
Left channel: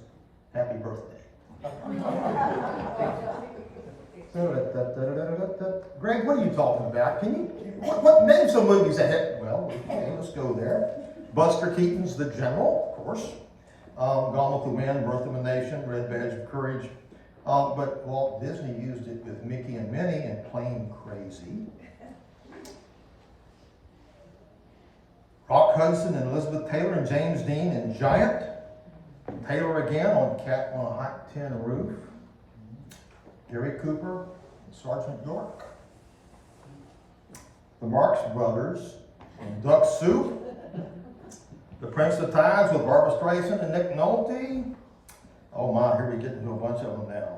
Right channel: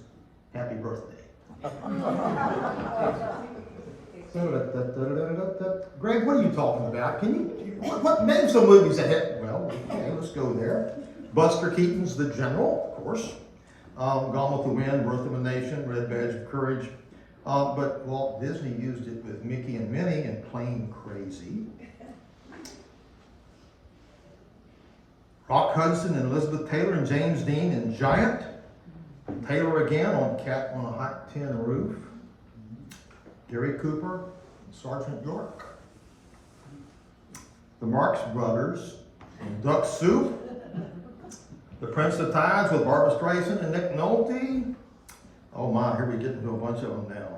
Happy Birthday. Greg, what are you talking about? Can you name some movies that hit? Well, okay, let's go there. Buster Keaton's The General, of course. Gone with the Wind, Birth of a Nation, Red Badge of Courage. But Walt Disney used it with Mickey and Minnie in Plain Crazy. Rock Hudson and Elizabeth Taylor and James Dean in Giant. Taylor again on Cat on a Hot Tin Roof. Gary Cooper and Sergeant York. The Marx Brothers in Duck Soup. The Prince of Tides with Barbra Streisand and Nick Nolte. Oh my, here we get into a bunch of them now.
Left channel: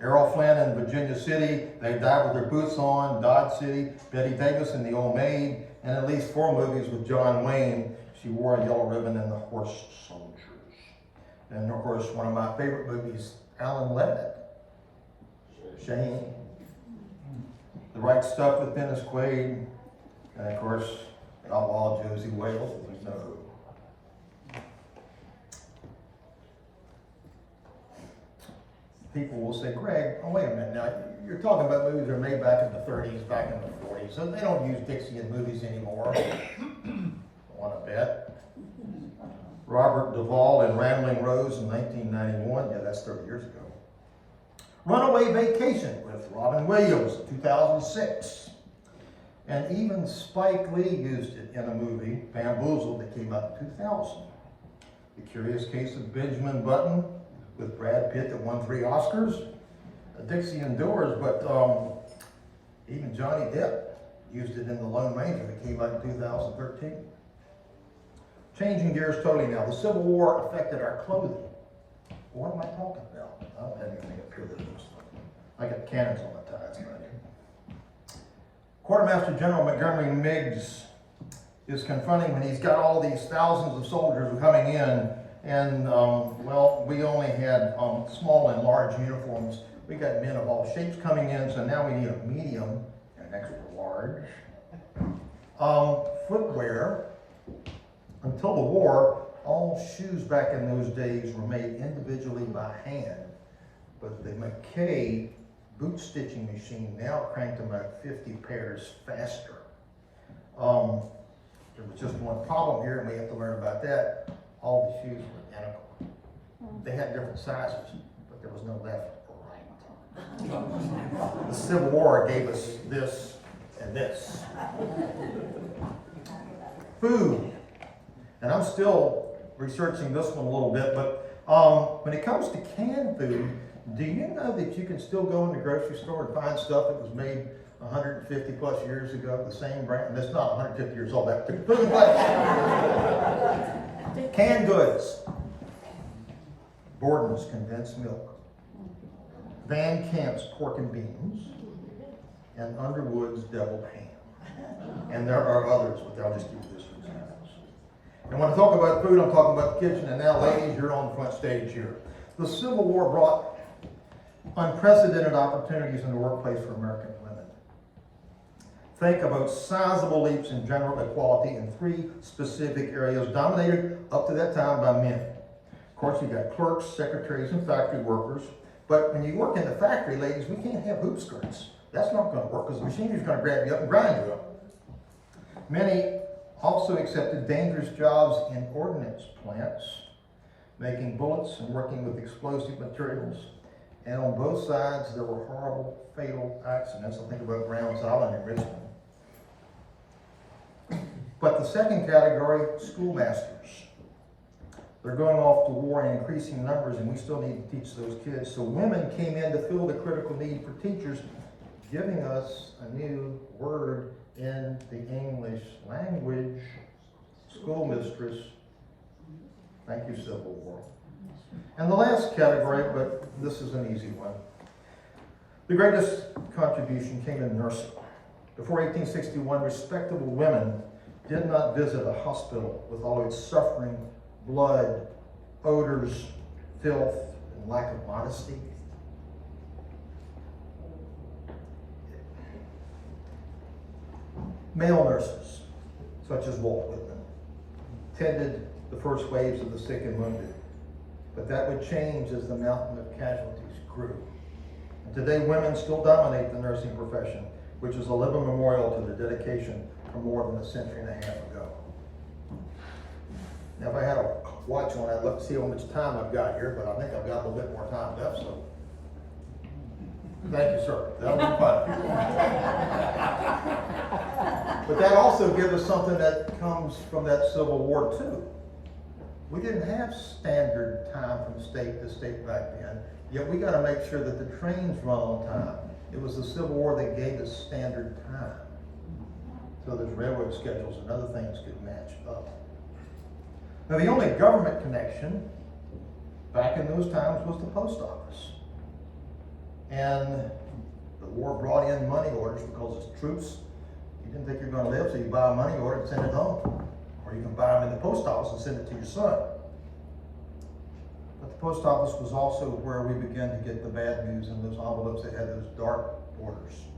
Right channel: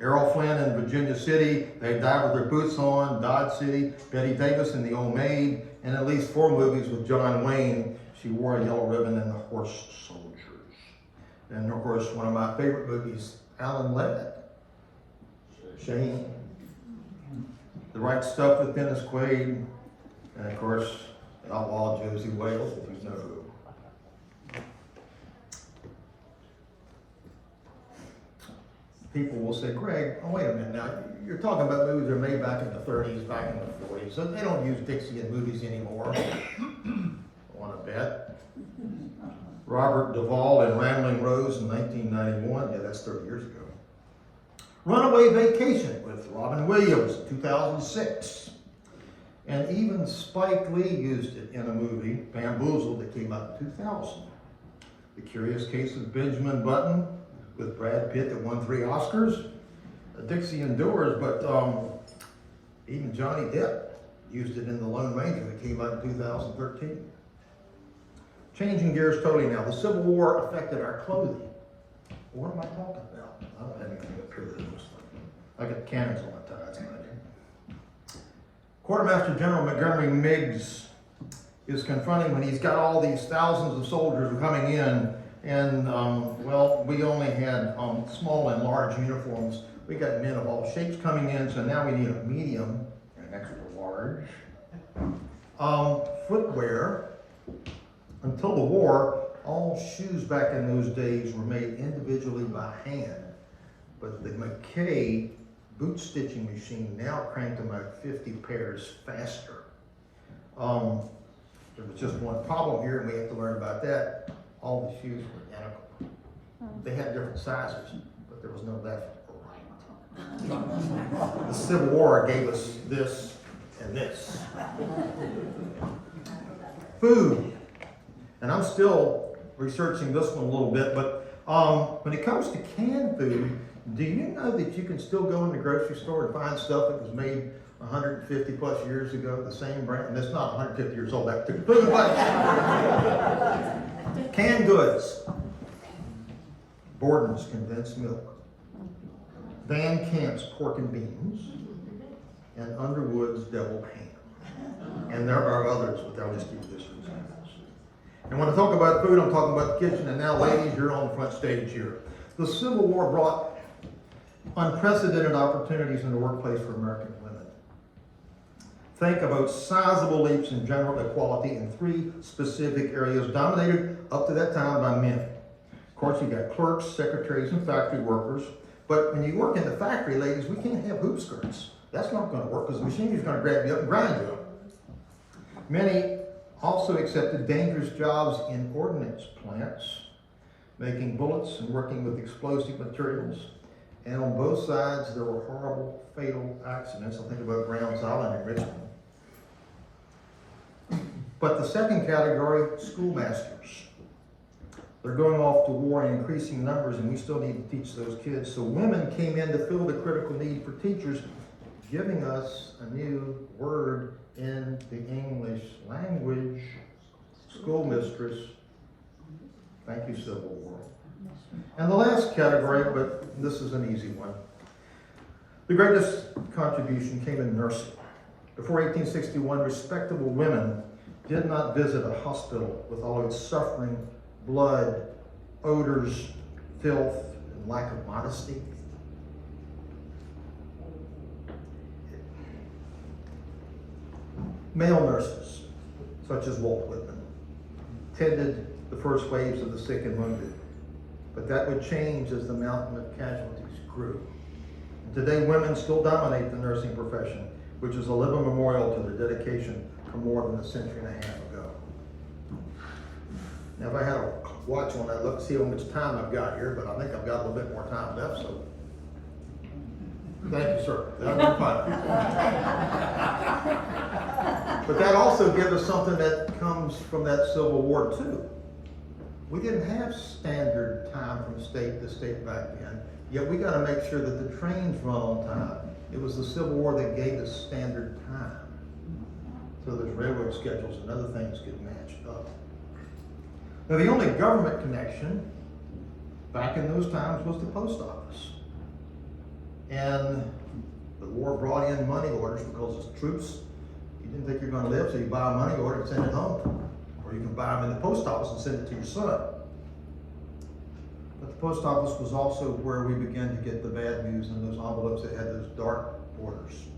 Errol Flynn in Virginia City, They Died with Their Boots On, Dodge City, Betty Davis in The Old Maid, and at least 4 movies with John Wayne. She wore a yellow ribbon in The Horse Soldiers. And of course, one of my favorite movies, Alan Ladd. Shane. The Right Stuff with Dennis Quaid. And of course, the outlaw Josie Wales, if you know who. People will say, Greg, oh, wait a minute now, you're talking about movies that were made back in the 30s, back in the 40s, so they don't use Dixie in movies anymore. Want to bet? Robert Duvall in Rambling Rose in 1991, yeah, that's 30 years ago. Runaway Vacation with Robin Williams, 2006. And even Spike Lee used it in a movie, Bamboozled, that came out in 2000. The Curious Case of Benjamin Button with Brad Pitt that won 3 Oscars. Dixie and Doors, but even Johnny Depp used it in The Lone Ranger that came out in 2013. Changing gears totally now. The Civil War affected our clothing. What am I talking about? I don't have anything up here that looks like I got cannons on my ties. Quartermaster General Montgomery Meigs is confronting when he's got all these thousands of soldiers coming in, and well, we only had small and large uniforms. We got men of all shapes coming in, so now we need a medium and an extra large. Footwear. Until the war, all shoes back in those days were made individually by hand, but the McKay boot stitching machine now cranked them out 50 pairs faster. There was just one problem here, and we have to learn about that. All the shoes were identical. They had different sizes, but there was no left or right. The Civil War gave us this and this. Food. And I'm still researching this one a little bit, but when it comes to canned food, do you know that you can still go in the grocery store and find stuff that was made 150 plus years ago, the same brand, and it's not 150 years old, that food, but canned goods. Borden's condensed milk, Van Camp's pork and beans, and Underwood's deviled ham. And there are others, but I'll just give you this for examples. And when I talk about food, I'm talking about the kitchen, and now ladies, you're on the front stage here. The Civil War brought unprecedented opportunities in the workplace for American women. Think about sizable leaps in general equality in 3 specific areas dominated up to that time by men. Of course, you got clerks, secretaries, and factory workers. But when you work in the factory, ladies, we can't have hoop skirts. That's not going to work because the machinery's going to grab you up and grind you up. Many also accepted dangerous jobs in ordnance plants, making bullets and working with explosive materials. And on both sides, there were horrible, fatal accidents. I think about Brown's Island in Richmond. But the second category, schoolmasters. They're going off to war in increasing numbers, and we still need to teach those kids. So women came in to fill the critical need for teachers, giving us a new word in the English language, schoolmistress. Thank you, Civil War. And the last category, but this is an easy one. The greatest contribution came in nursing. Before 1861, respectable women did not visit a hospital with all its suffering, blood, odors, filth, and lack of modesty. Male nurses, such as Walt Whitman, tended the first waves of the sick and wounded. But that would change as the mountain of casualties grew. And today, women still dominate the nursing profession, which is a living memorial to their dedication from more than a century and a half ago. Now, if I had a watch on, I'd look to see how much time I've got here, but I think I've got a little bit more time left, so. Thank you, sir. That was fun. But that also gives us something that comes from that Civil War, too. We didn't have standard time from state to state back then, yet we got to make sure that the trains run on time. It was the Civil War that gave us standard time, so those railroad schedules and other things could match up. Now, the only government connection back in those times was the post office. And the war brought in money orders because as troops, you didn't think you were going to live, so you buy a money order and send it home. Or you can buy them in the post office and send it to your son. But the post office was also where we began to get the bad news in those envelopes that had those dark borders.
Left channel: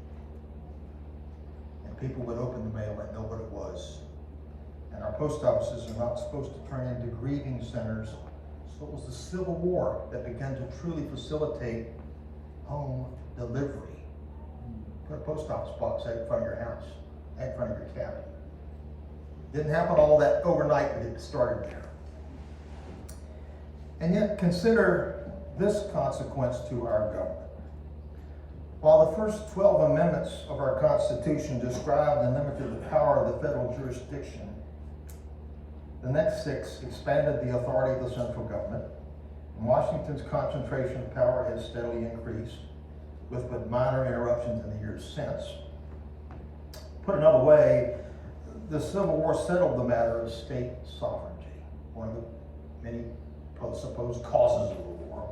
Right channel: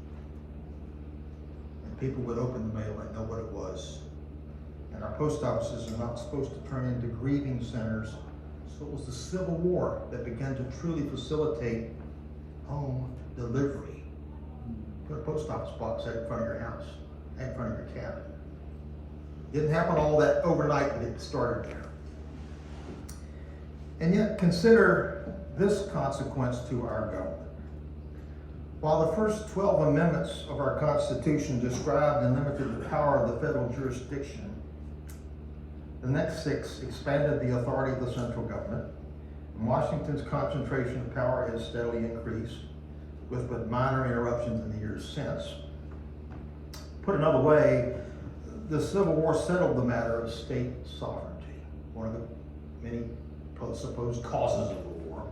And people would open the mail and know what it was. And our post offices are not supposed to turn into grieving centers. So it was the Civil War that began to truly facilitate home delivery. Put a post office box out in front of your house, in front of your cabin. Didn't happen all that overnight, but it started there. And yet, consider this consequence to our government. While the first 12 amendments of our Constitution described and limited the power of the federal jurisdiction, the next 6 expanded the authority of the central government, and Washington's concentration of power has steadily increased, with but minor interruptions in the years since. Put another way, the Civil War settled the matter of state sovereignty, one of the many supposed causes of the war.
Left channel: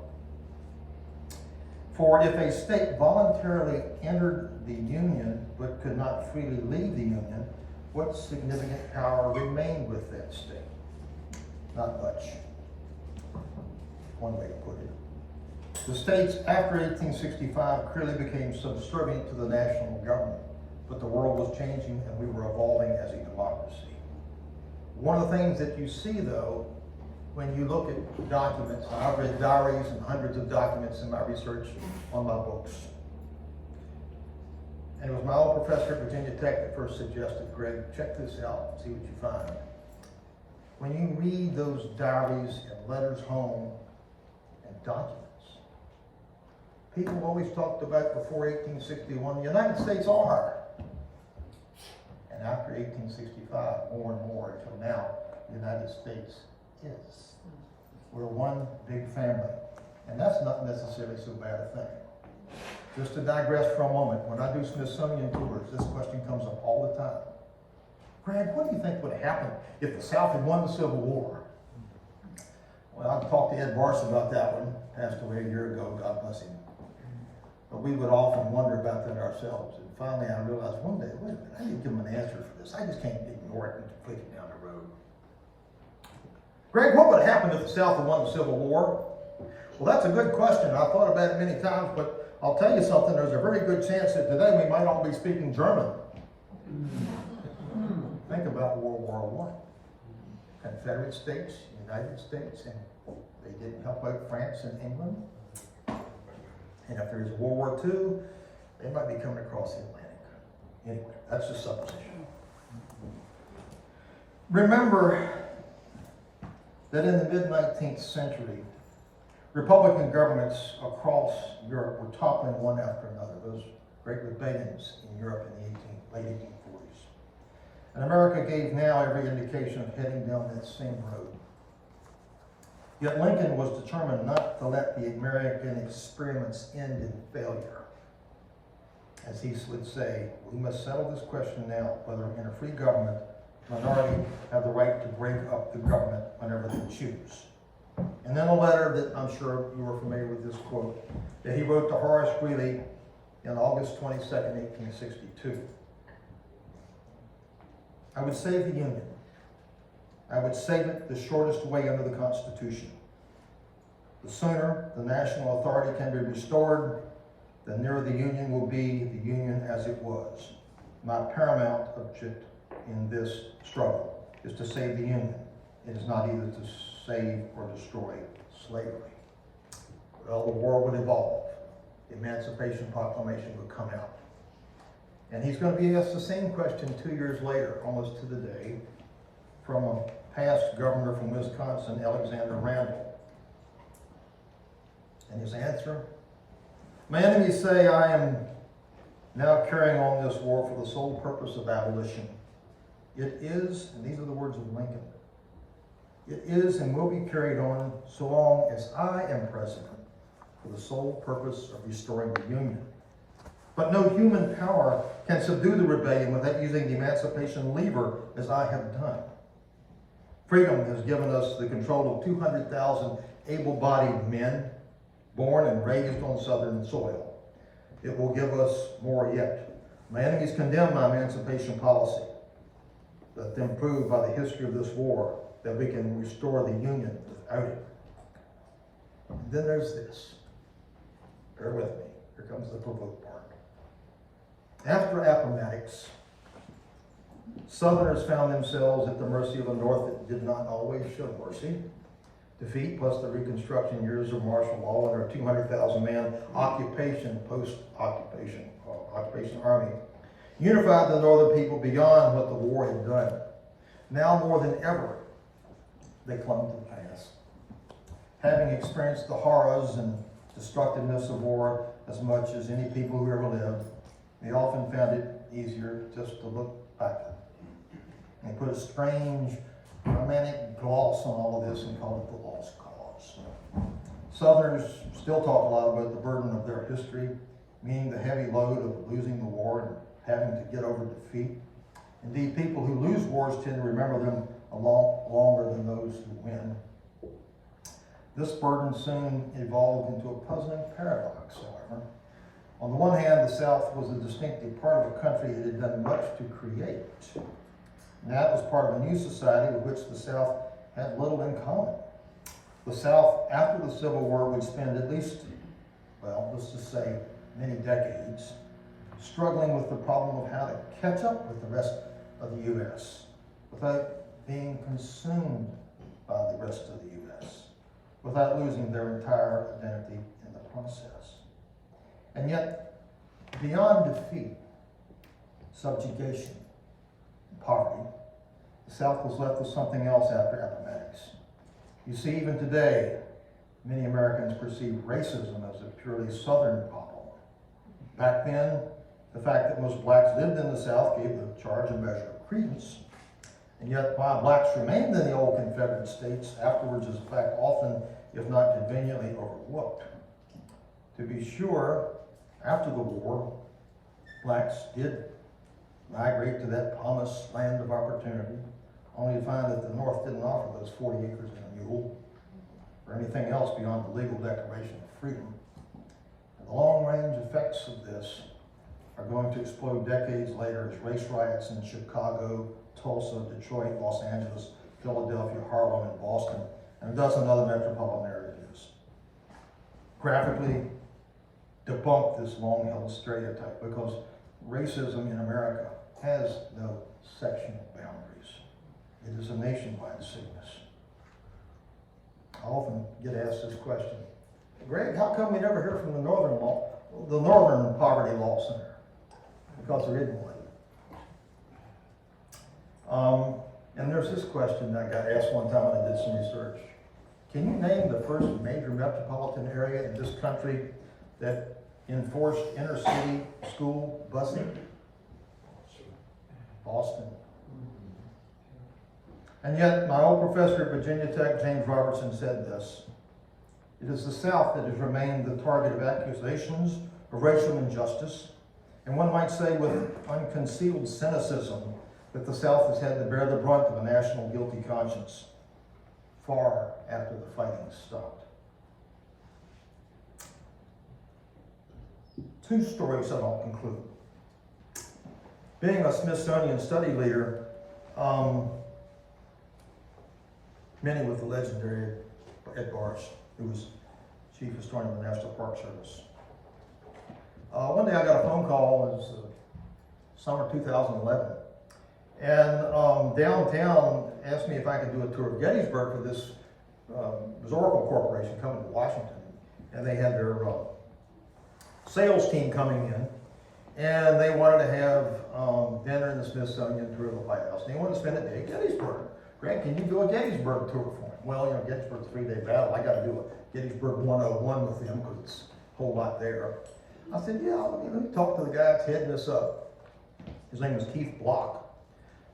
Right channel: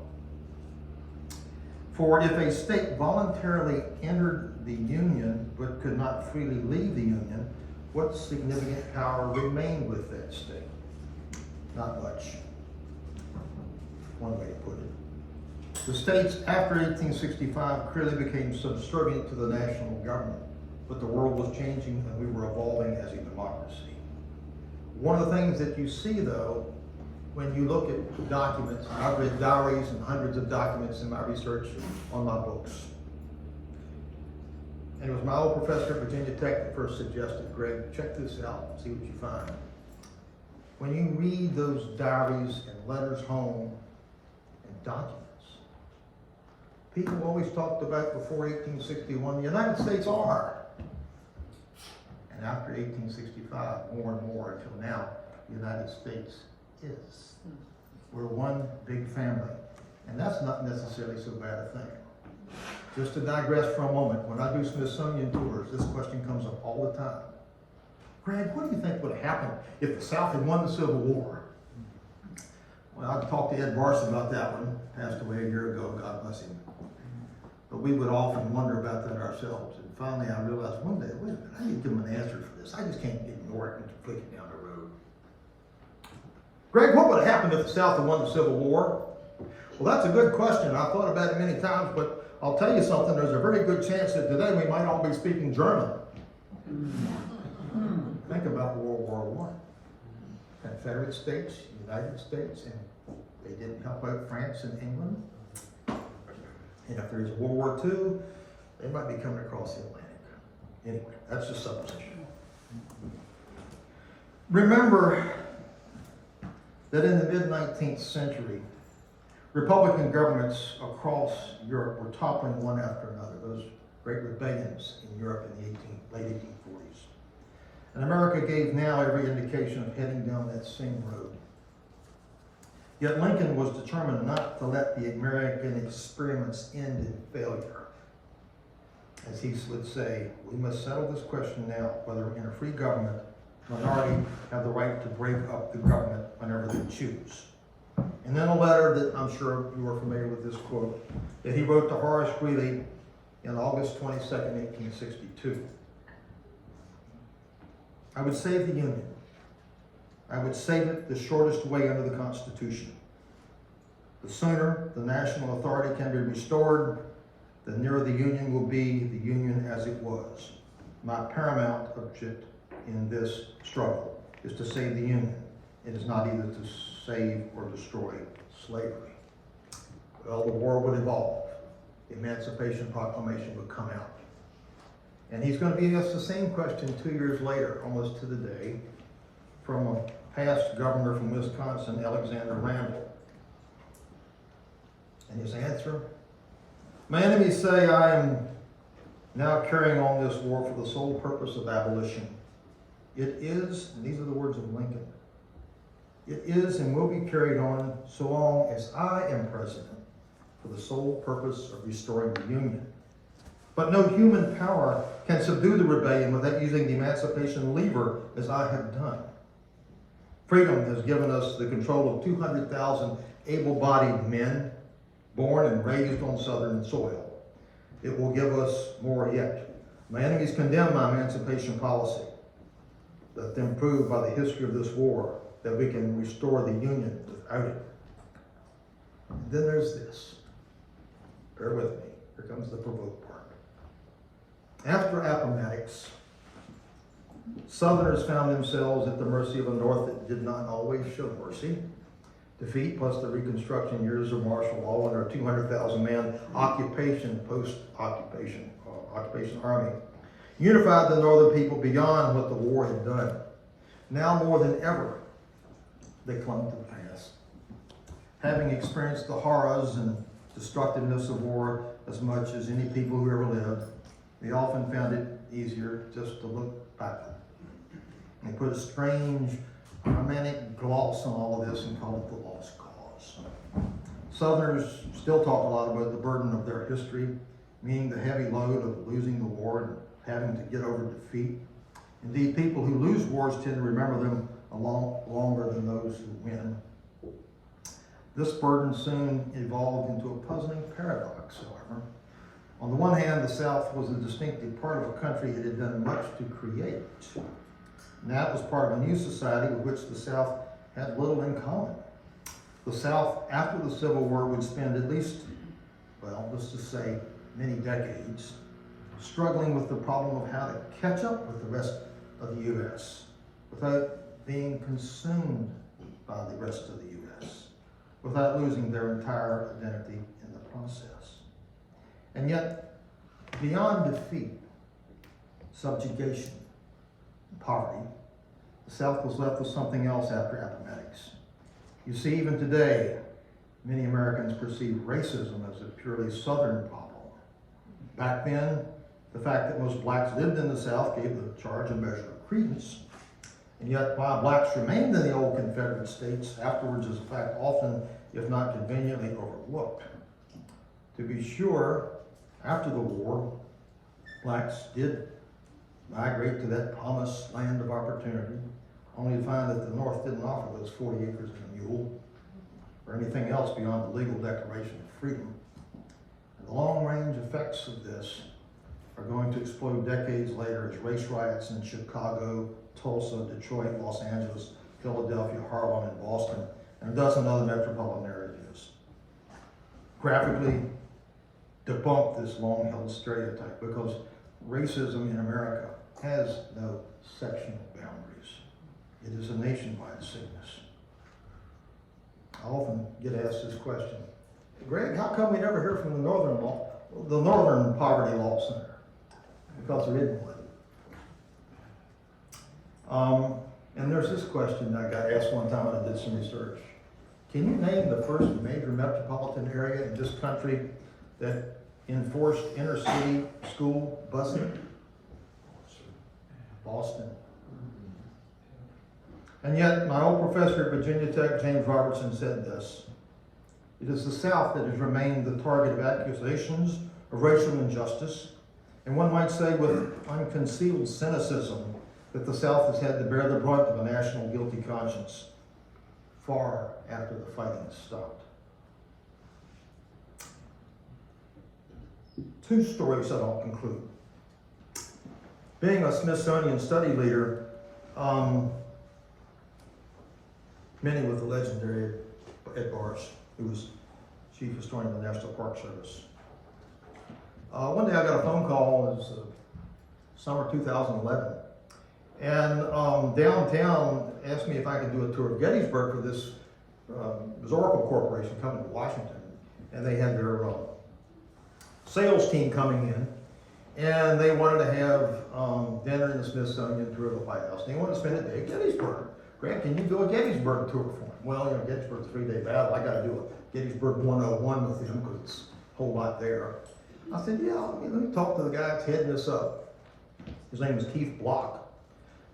For if a state voluntarily entered the Union but could not freely leave the Union, what significant power remained with that state? Not much. One way to put it. The states after 1865 clearly became subservient to the national government, but the world was changing and we were evolving as a democracy. One of the things that you see, though, when you look at documents, and I've read diaries and hundreds of documents in my research on my books. And it was my old professor at Virginia Tech that first suggested, Greg, check this out, see what you find. When you read those diaries and letters home and documents, people always talked about before 1861, the United States are. And after 1865, more and more until now, the United States is. We're one big family. And that's not necessarily so bad a thing. Just to digress for a moment, when I do Smithsonian tours, this question comes up all the time. Greg, what do you think would happen if the South had won the Civil War? Well, I talked to Ed Barsa about that one, passed away a year ago, God bless him. But we would often wonder about that ourselves. And finally I realized one day, wait a minute, I need to give them an answer for this. I just can't ignore it and flick it down the road. Greg, what would have happened if the South had won the Civil War? Well, that's a good question. I've thought about it many times, but I'll tell you something. There's a very good chance that today we might all be speaking German. Think about World War I. Confederate States, United States, and they didn't help out France and England. And if there's World War II, they might be coming across the Atlantic. Anyway, that's just supposition. Remember that in the mid-19th century, Republican governments across Europe were toppling one after another. Those great rebellions in Europe in the late 1840s. And America gave now every indication of heading down that same road. Yet Lincoln was determined not to let the American experiments end in failure. As he would say, we must settle this question now, whether in a free government, minority have the right to break up the government whenever they choose. And then a letter that I'm sure you are familiar with this quote, that he wrote to Horace Greeley in August 22nd, 1862. I would save the Union. I would save it the shortest way under the Constitution. The sooner the national authority can be restored, the nearer the Union will be the Union as it was. My paramount object in this struggle is to save the Union. It is not either to save or destroy slavery. Well, the war would evolve. The Emancipation Proclamation would come out. And he's going to be asked the same question 2 years later, almost to the day, from a past governor from Wisconsin, Alexander Randall. And his answer, my enemies say I am now carrying on this war for the sole purpose of abolition. It is, and these are the words of Lincoln, it is and will be carried on so long as I am president for the sole purpose of restoring the Union. But no human power can subdue the rebellion without using the emancipation lever as I have done. Freedom has given us the control of 200,000 able-bodied men born and raised on Southern soil. It will give us more yet. My enemies condemn my emancipation policy. Let them prove by the history of this war that we can restore the Union without it. And then there's this. Bear with me. Here comes the provoke part. After Appomattox, Southerners found themselves at the mercy of a North that did not always show mercy. Defeat plus the Reconstruction years of martial law and our 200,000-man post-occupation army unified the Northern people beyond what the war had done. Now more than ever, they clung to the past. Having experienced the horrors and destructiveness of war as much as any people who ever lived, they often found it easier just to look back and put a strange romantic gloss on all of this and call it the lost cause. Southerners still talk a lot about the burden of their history, meaning the heavy load of losing the war and having to get over defeat. Indeed, people who lose wars tend to remember them a lot longer than those who win. This burden soon evolved into a puzzling paradox, however. On the one hand, the South was a distinctive part of a country it had done much to create. Now it was part of a new society with which the South had little in common. The South, after the Civil War, would spend at least, well, let's just say many decades, struggling with the problem of how to catch up with the rest of the U.S. without being consumed by the rest of the U.S., without losing their entire identity in the process. And yet, beyond defeat, subjugation, and poverty, the South was left with something else after Appomattox. You see, even today, many Americans perceive racism as a purely Southern problem. Back then, the fact that most blacks lived in the South gave the charge a measure of credence. And yet, while blacks remained in the old Confederate states, afterwards is in fact often, if not conveniently, overlooked. To be sure, after the war, blacks did migrate to that promised land of opportunity, only to find that the North didn't offer those 40 acres and a mule, or anything else beyond the legal Declaration of Freedom. And the long-range effects of this are going to explode decades later as race riots in Chicago, Tulsa, Detroit, Los Angeles, Philadelphia, Harlem, and Boston, and a dozen other metropolitan areas graphically debunk this long-held stereotype, because racism in America has no sectional boundaries. It is a nationwide sickness. I often get asked this question, Greg, how come we never hear from the Northern Poverty Law Center? Because there isn't one. And there's this question I got asked one time when I did some research. Can you name the first major metropolitan area in this country that enforced inner-city school busing? Boston. And yet, my old professor at Virginia Tech, James Robertson, said this: it is the South that has remained the target of accusations of racial injustice, and one might say with unconcealed cynicism that the South has had to bear the brunt of a national guilty conscience far after the fighting stopped. Two stories that I'll conclude. Being a Smithsonian study leader, many with the legendary Ed Barsh, who was chief historian of the National Park Service. One day I got a phone call, it was summer 2011, and downtown asked me if I could do a tour of Gettysburg for this Oracle Corporation coming to Washington, and they had their sales team coming in, and they wanted to have dinner in the Smithsonian, tour of the White House. And they wanted to spend a day at Gettysburg. Greg, can you do a Gettysburg tour for them? Well, Gettysburg's a 3-day battle. I got to do a Gettysburg 101 with them because it's a whole lot there. I said, yeah, let me talk to the guy that's heading this up. His name is Keith Block.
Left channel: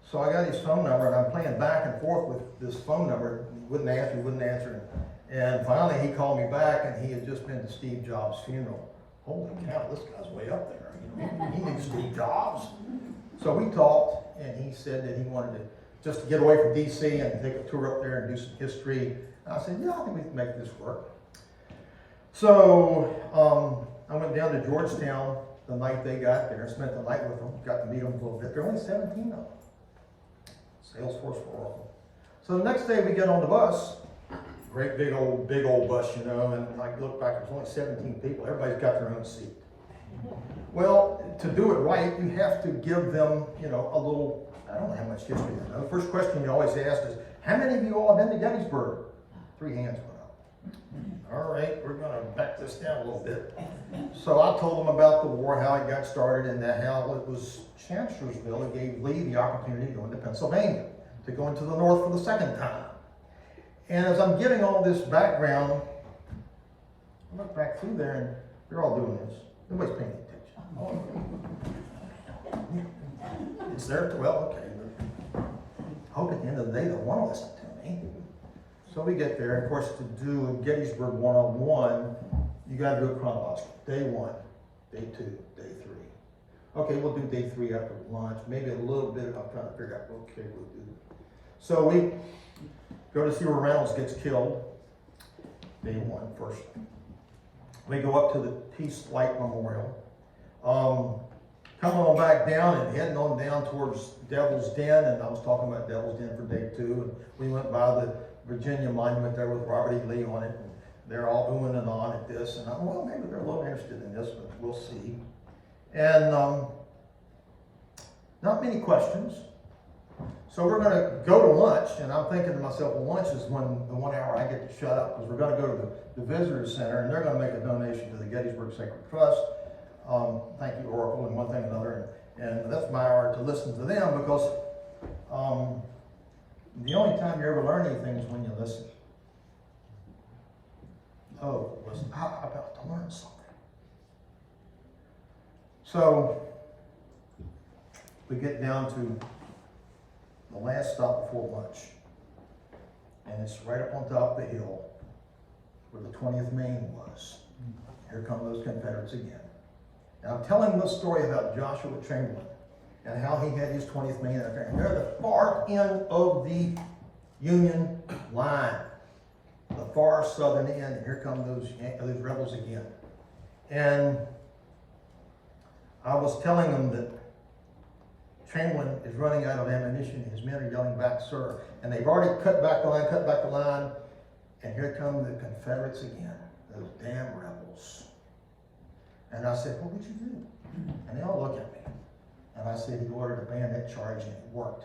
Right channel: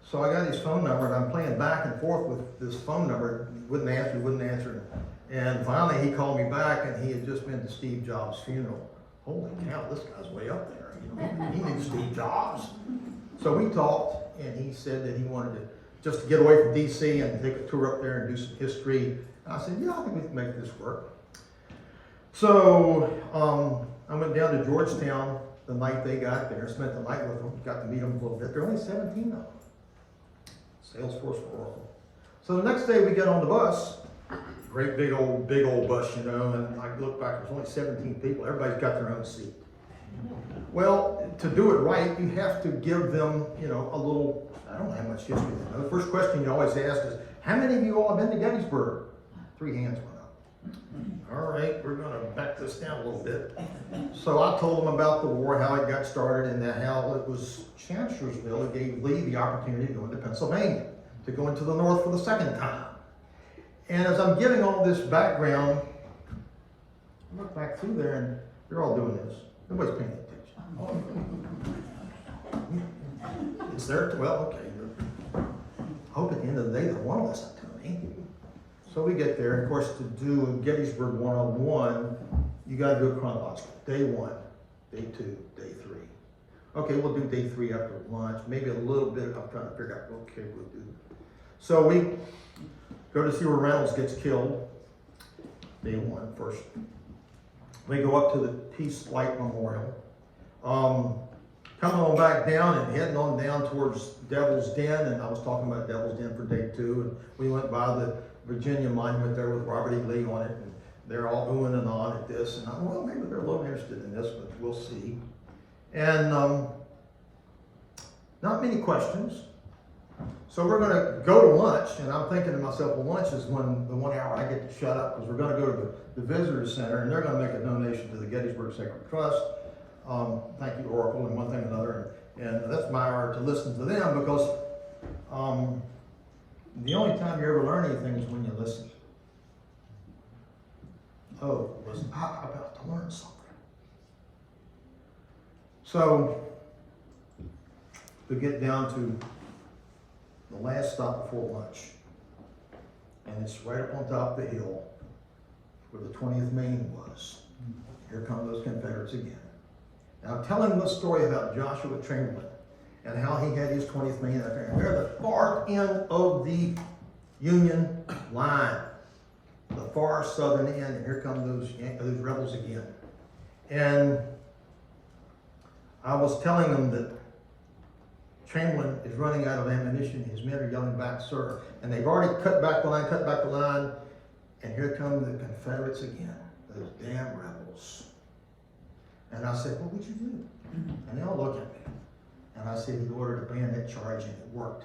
So I got his phone number, and I'm playing back and forth with this phone number. He wouldn't answer. And finally, he called me back, and he had just been to Steve Jobs' funeral. Holy cow, this guy's way up there. He knew Steve Jobs. So we talked, and he said that he wanted to just to get away from DC and take a tour up there and do some history. And I said, yeah, I think we can make this work. So I went down to Georgetown the night they got there, spent the night with them, got to meet them a little bit. There are only 17 of them. Salesforce for Oracle. So the next day we get on the bus, great big old bus, and I look back, there's only 17 people. Everybody's got their own seat. Well, to do it right, you have to give them, a little, I don't know how much history they know. The first question you always ask is, how many of you all have been to Gettysburg? 3 hands went up. All right, we're going to back this down a little bit. So I told them about the war, how it got started, and how it was Chancellorsville that gave Lee the opportunity to go into Pennsylvania, to go into the North for the second time. And as I'm giving all this background, I look back through there and they're all doing this. Nobody's paying attention. It's there, well, okay. I hope at the end of the day they want to listen to me. So we get there, and of course, to do Gettysburg 101, you got to do it chronologically. Day 1, day 2, day 3. Okay, we'll do day 3 after lunch. Maybe a little bit. I'm trying to figure out. Okay, we'll do. So we go to see where Reynolds gets killed. Day 1 first. We go up to the Peace Light Memorial. Coming on back down and heading on down towards Devil's Den, and I was talking about Devil's Den for day 2, and we went by the Virginia monument there with Robert E. Lee on it, and they're all oohing and on at this, and I thought, well, maybe they're a little interested in this, but we'll see. And not many questions. So we're going to go to lunch, and I'm thinking to myself, well, lunch is when the 1 hour I get to shut up, because we're going to go to the visitor center, and they're going to make a donation to the Gettysburg Sacred Trust. Thank you, Oracle, and one thing and another. And that's my hour to listen to them, because the only time you ever learn anything is when you listen. Oh, was I about to learn something? So we get down to the last stop before lunch, and it's right up on top of the hill where the 20th Maine was. Here come those Confederates again. And I'm telling them the story about Joshua Chamberlain and how he had his 20th Maine out there. And they're the far end of the Union line, the far southern end. And here come those rebels again. And I was telling them that Chamberlain is running out of ammunition. His men are yelling back, sir. And they've already cut back the line. And here come the Confederates again, those damn rebels. And I said, what would you do? And they all look at me. And I said, he ordered a bayonet charge, and it worked.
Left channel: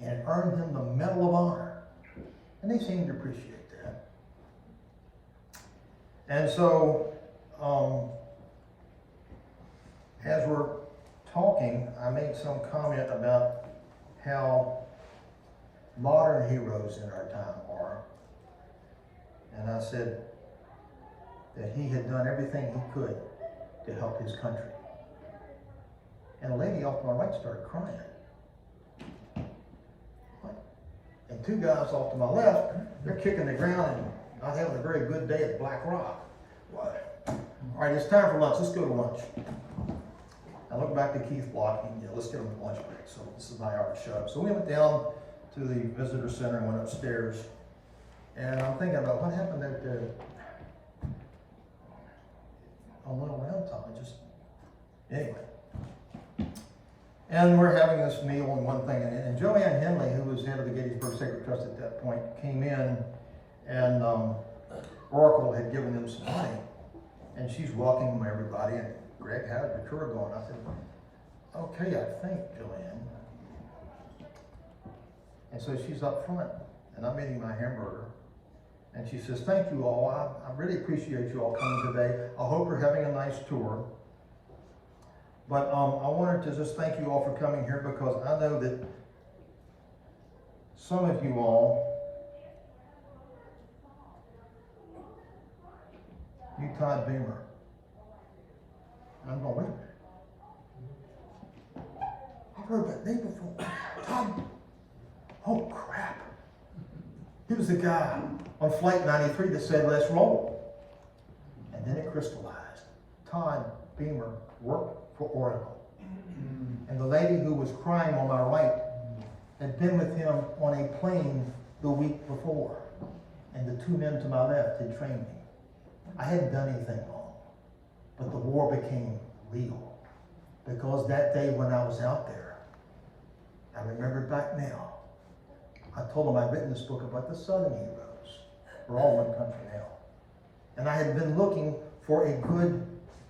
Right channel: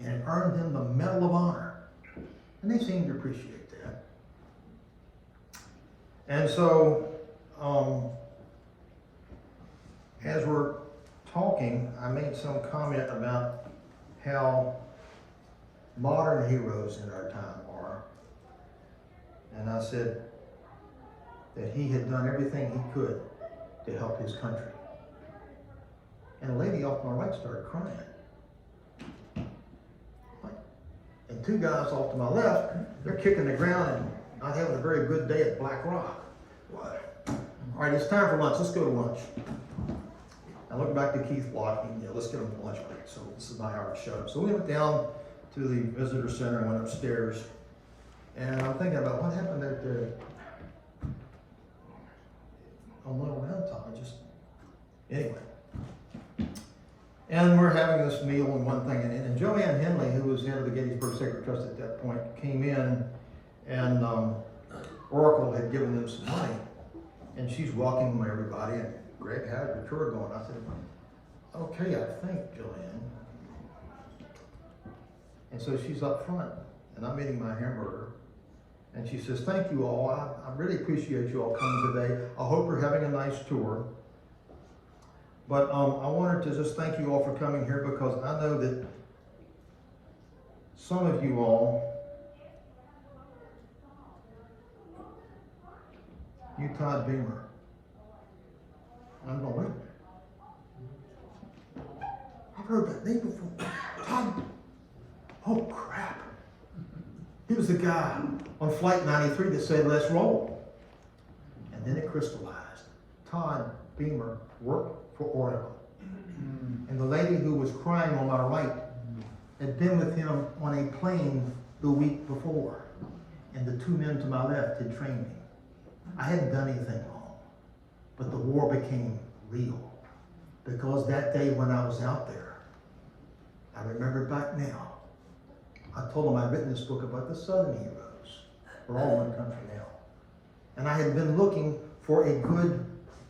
And it earned him the Medal of Honor. And they seemed to appreciate that. And so, as we're talking, I made some comment about how modern heroes in our time are. And I said that he had done everything he could to help his country. And a lady off my right started crying. And 2 guys off to my left, they're kicking the ground and not having a very good day at Black Rock. All right, it's time for lunch. Let's go to lunch. I looked back to Keith blocking, let's get him a lunch break. So this is my hour to shut up. So we went down to the visitor center and went upstairs. And I'm thinking about what happened at on Little Round Top. Anyway. And we're having this meal and one thing, and Joanne Henley, who was head of the Gettysburg Sacred Trust at that point, came in, and Oracle had given them some money, and she's welcoming everybody, and Greg, how's your tour going? I said, okay, I think, Joanne. And so she's up front, and I'm eating my hamburger. And she says, thank you all. I really appreciate you all coming today. I hope you're having a nice tour. But I wanted to just thank you all for coming here, because I know that some of you all, you Todd Beamer. And I'm going, wait. I've heard that name before. Todd. Oh, crap. He was the guy on Flight 93 that said, let's roll. And then it crystallized. Todd Beamer worked for Oracle. And the lady who was crying on my right had been with him on a plane the week before. And the 2 men to my left had trained me. I hadn't done anything wrong. But the war became real. Because that day when I was out there, I remember back now, I told them I'd written this book about the Southern heroes. We're all in one country now. And I had been looking for a good,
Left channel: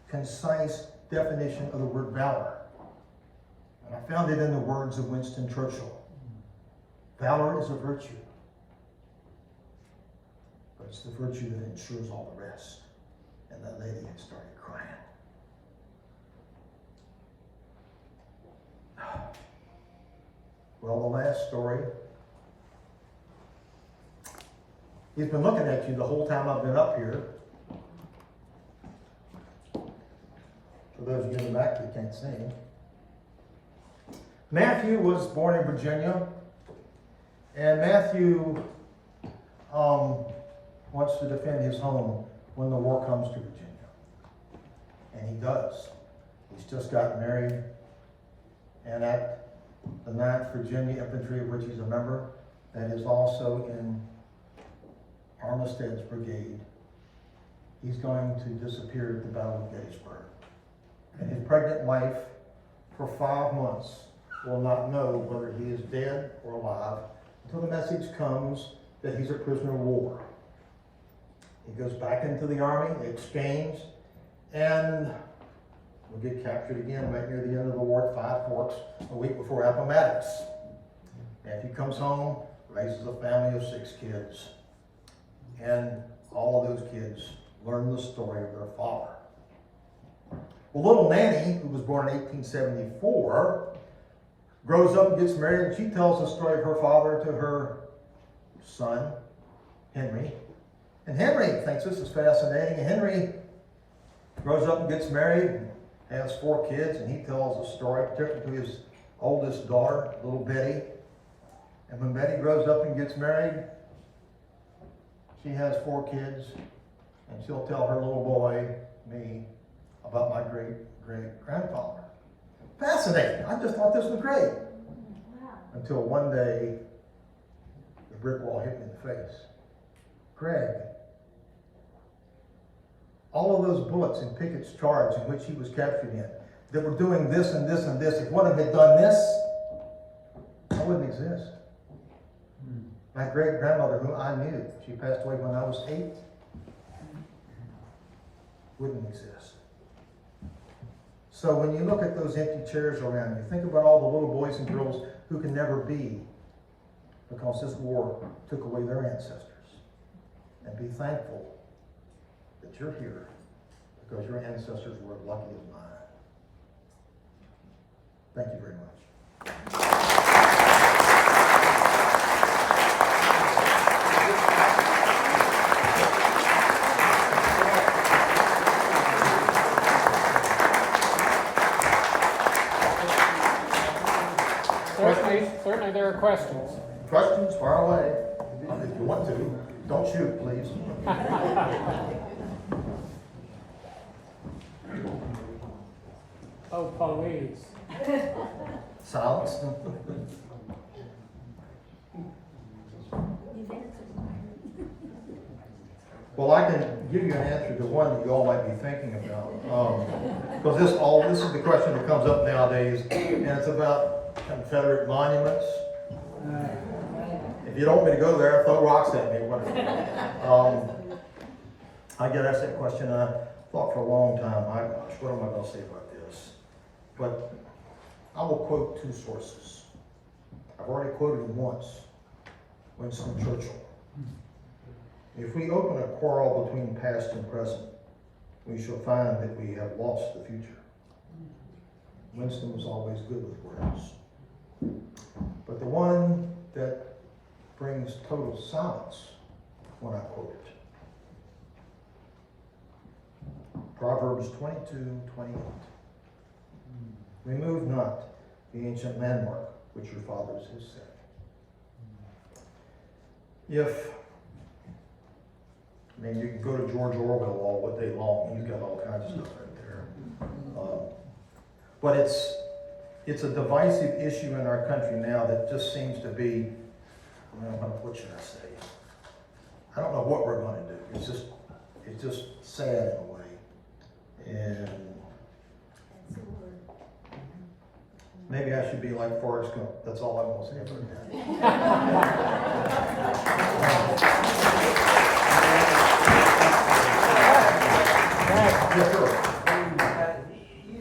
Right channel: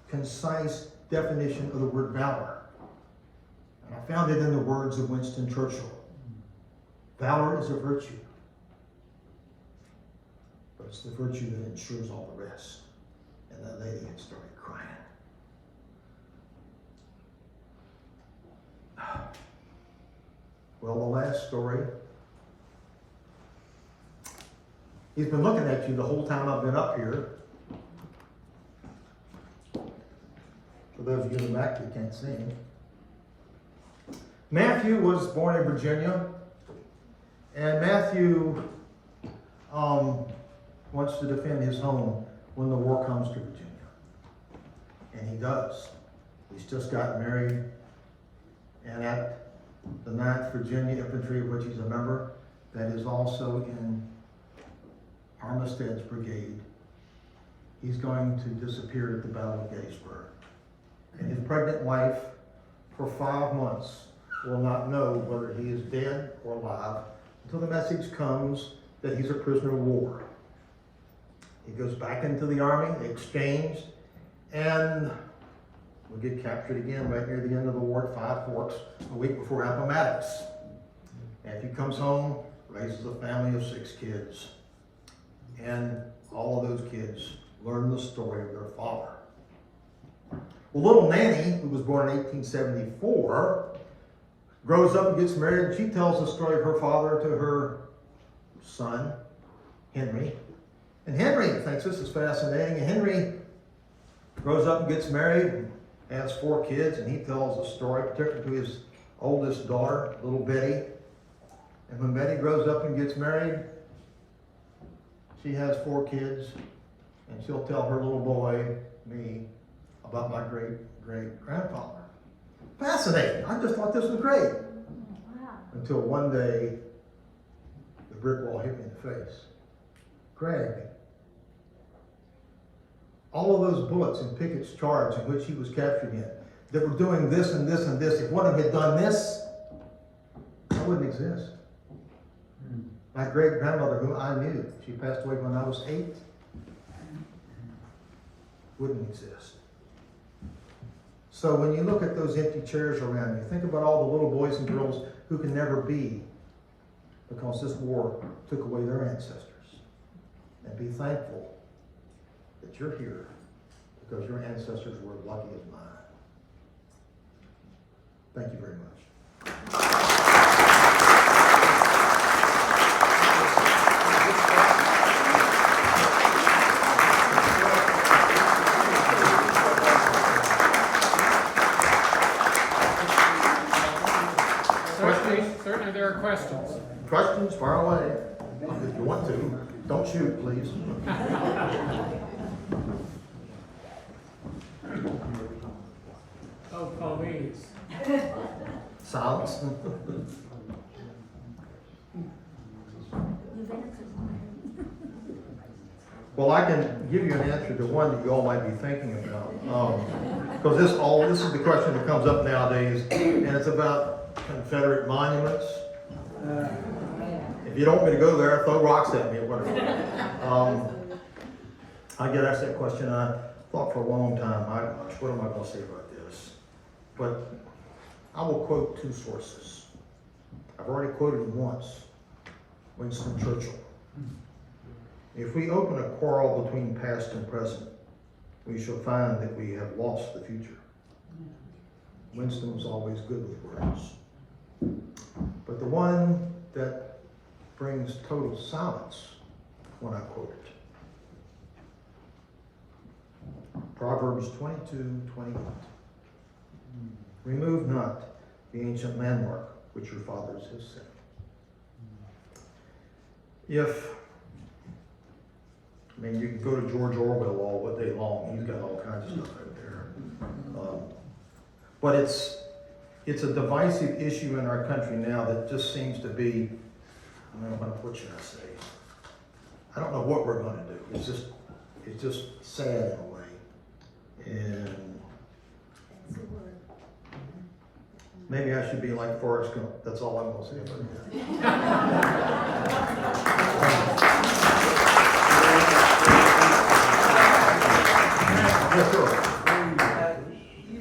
concise definition of the word valor. And I found it in the words of Winston Churchill. Valor is a virtue. But it's the virtue that ensures all the rest. And that lady had started crying. Well, the last story. He's been looking at you the whole time I've been up here. for those of you in the back who can't see him. Matthew was born in Virginia, and Matthew wants to defend his home when the war comes to Virginia. And he does. He's just gotten married, and at the 9th Virginia Infantry, of which he's a member, that is also in Armistead's brigade, he's going to disappear at the Battle of Gettysburg. And his pregnant wife, for 5 months, will not know whether he is dead or alive until the message comes that he's a prisoner of war. He goes back into the army, exchanged, and will get captured again right near the end of the war at Five Forks, a week before Appomattox. And he comes home, raises a family of 6 kids, and all of those kids learn the story of their father. Well, little Nanny, who was born in 1874, grows up and gets married, and she tells the story of her father to her son, Henry. And Henry thinks this is fascinating. And Henry grows up and gets married, and has 4 kids, and he tells the story, particularly to his oldest daughter, little Betty. And when Betty grows up and gets married, she has 4 kids, and she'll tell her little boy, me, about my great-great-grandfather. Fascinating. I just thought this was great. Wow. Until one day, the brick wall hit me in the face. Gregg, all of those bullets in Pickett's charge in which he was captured in, that were doing this and this and this, if one of them had done this, I wouldn't exist. My great-grandmother, whom I knew, she passed away when I was 8, wouldn't exist. So when you look at those empty chairs around you, think about all the little boys and girls who can never be because this war took away their ancestors. And be thankful that you're here because your ancestors were as lucky as mine. Thank you very much. Certainly there are questions. Questions, fire away. If you want to. Don't shoot, please. Oh, please. Silence. Well, I can give you an answer to one that you all might be thinking about. Because this is the question that comes up nowadays, and it's about Confederate monuments. If you don't want me to go there, throw rocks at me or whatever. I get asked that question, and I thought for a long time, what am I going to say about this? But I will quote 2 sources. I've already quoted him once, Winston Churchill. If we open a quarrel between past and present, we shall find that we have lost the future. Winston was always good with words. But the one that brings total silence when I quote it. Proverbs 22:28. Remove not the ancient landmark which your fathers have set. You can go to George Orwell all day long. He's got all kinds of stuff right there. But it's a divisive issue in our country now that just seems to be, what should I say? I don't know what we're going to do. It's just sad in a way. And maybe I should be like Forrest Gump. That's all I'm going to say about that. Yes, sir. You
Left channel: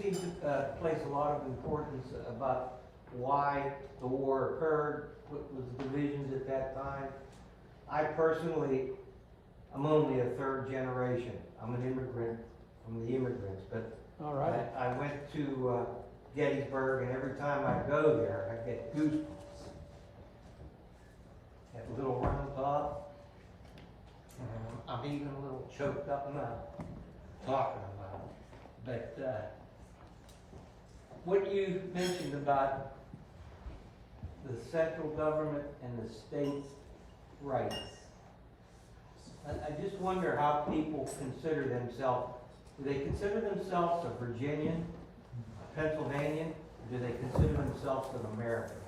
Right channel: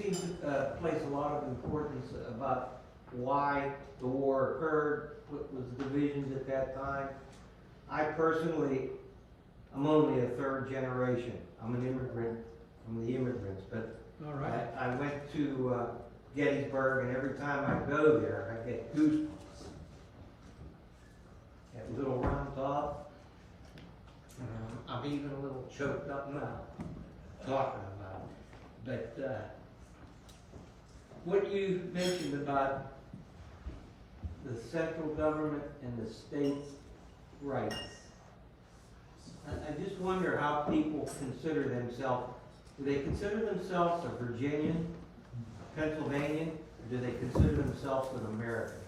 seem to place a lot of importance about why the war occurred, what was the divisions at that time. I personally, I'm only a 3rd generation. I'm an immigrant from the immigrants, but All right. I went to Gettysburg, and every time I go there, I get goosebumps. That little round top, I'm even a little choked up now talking about it. But, what you mentioned about the central government and the state's rights, I just wonder how people consider themselves. Do they consider themselves a Virginian, a Pennsylvanian, or do they consider themselves an American?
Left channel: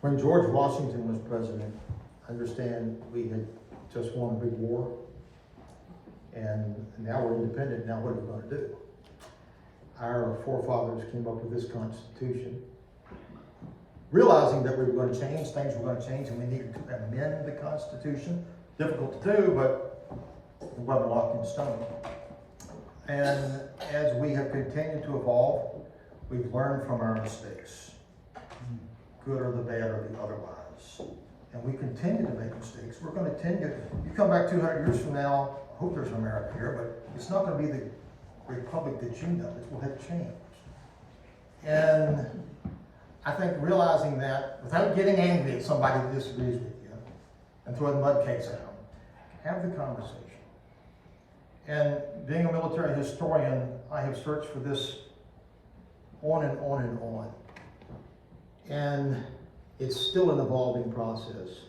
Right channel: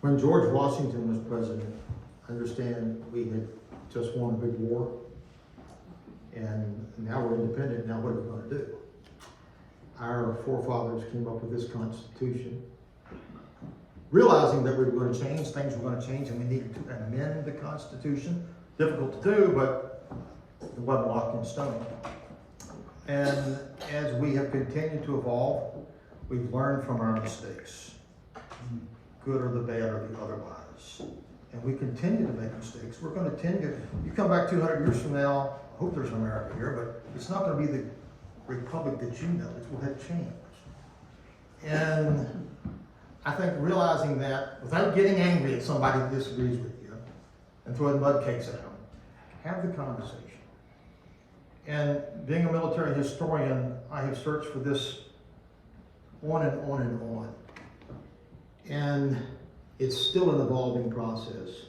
When George Washington was president, I understand we had just won a big war, and now we're independent. Now what are we going to do? Our forefathers came up with this Constitution, realizing that we were going to change, things were going to change, and we needed to amend the Constitution. Difficult to do, but it wasn't locked in stone. And as we have continued to evolve, we've learned from our mistakes, good or the bad or the otherwise. And we continue to make mistakes. We're going to continue. You come back 200 years from now, I hope there's an America here, but it's not going to be the republic that you know. It will have changed. And I think realizing that, without getting angry at somebody that disagrees with you and throwing mud cakes at them, have the conversation. And being a military historian, I have searched for this on and on and on. And it's still an evolving process,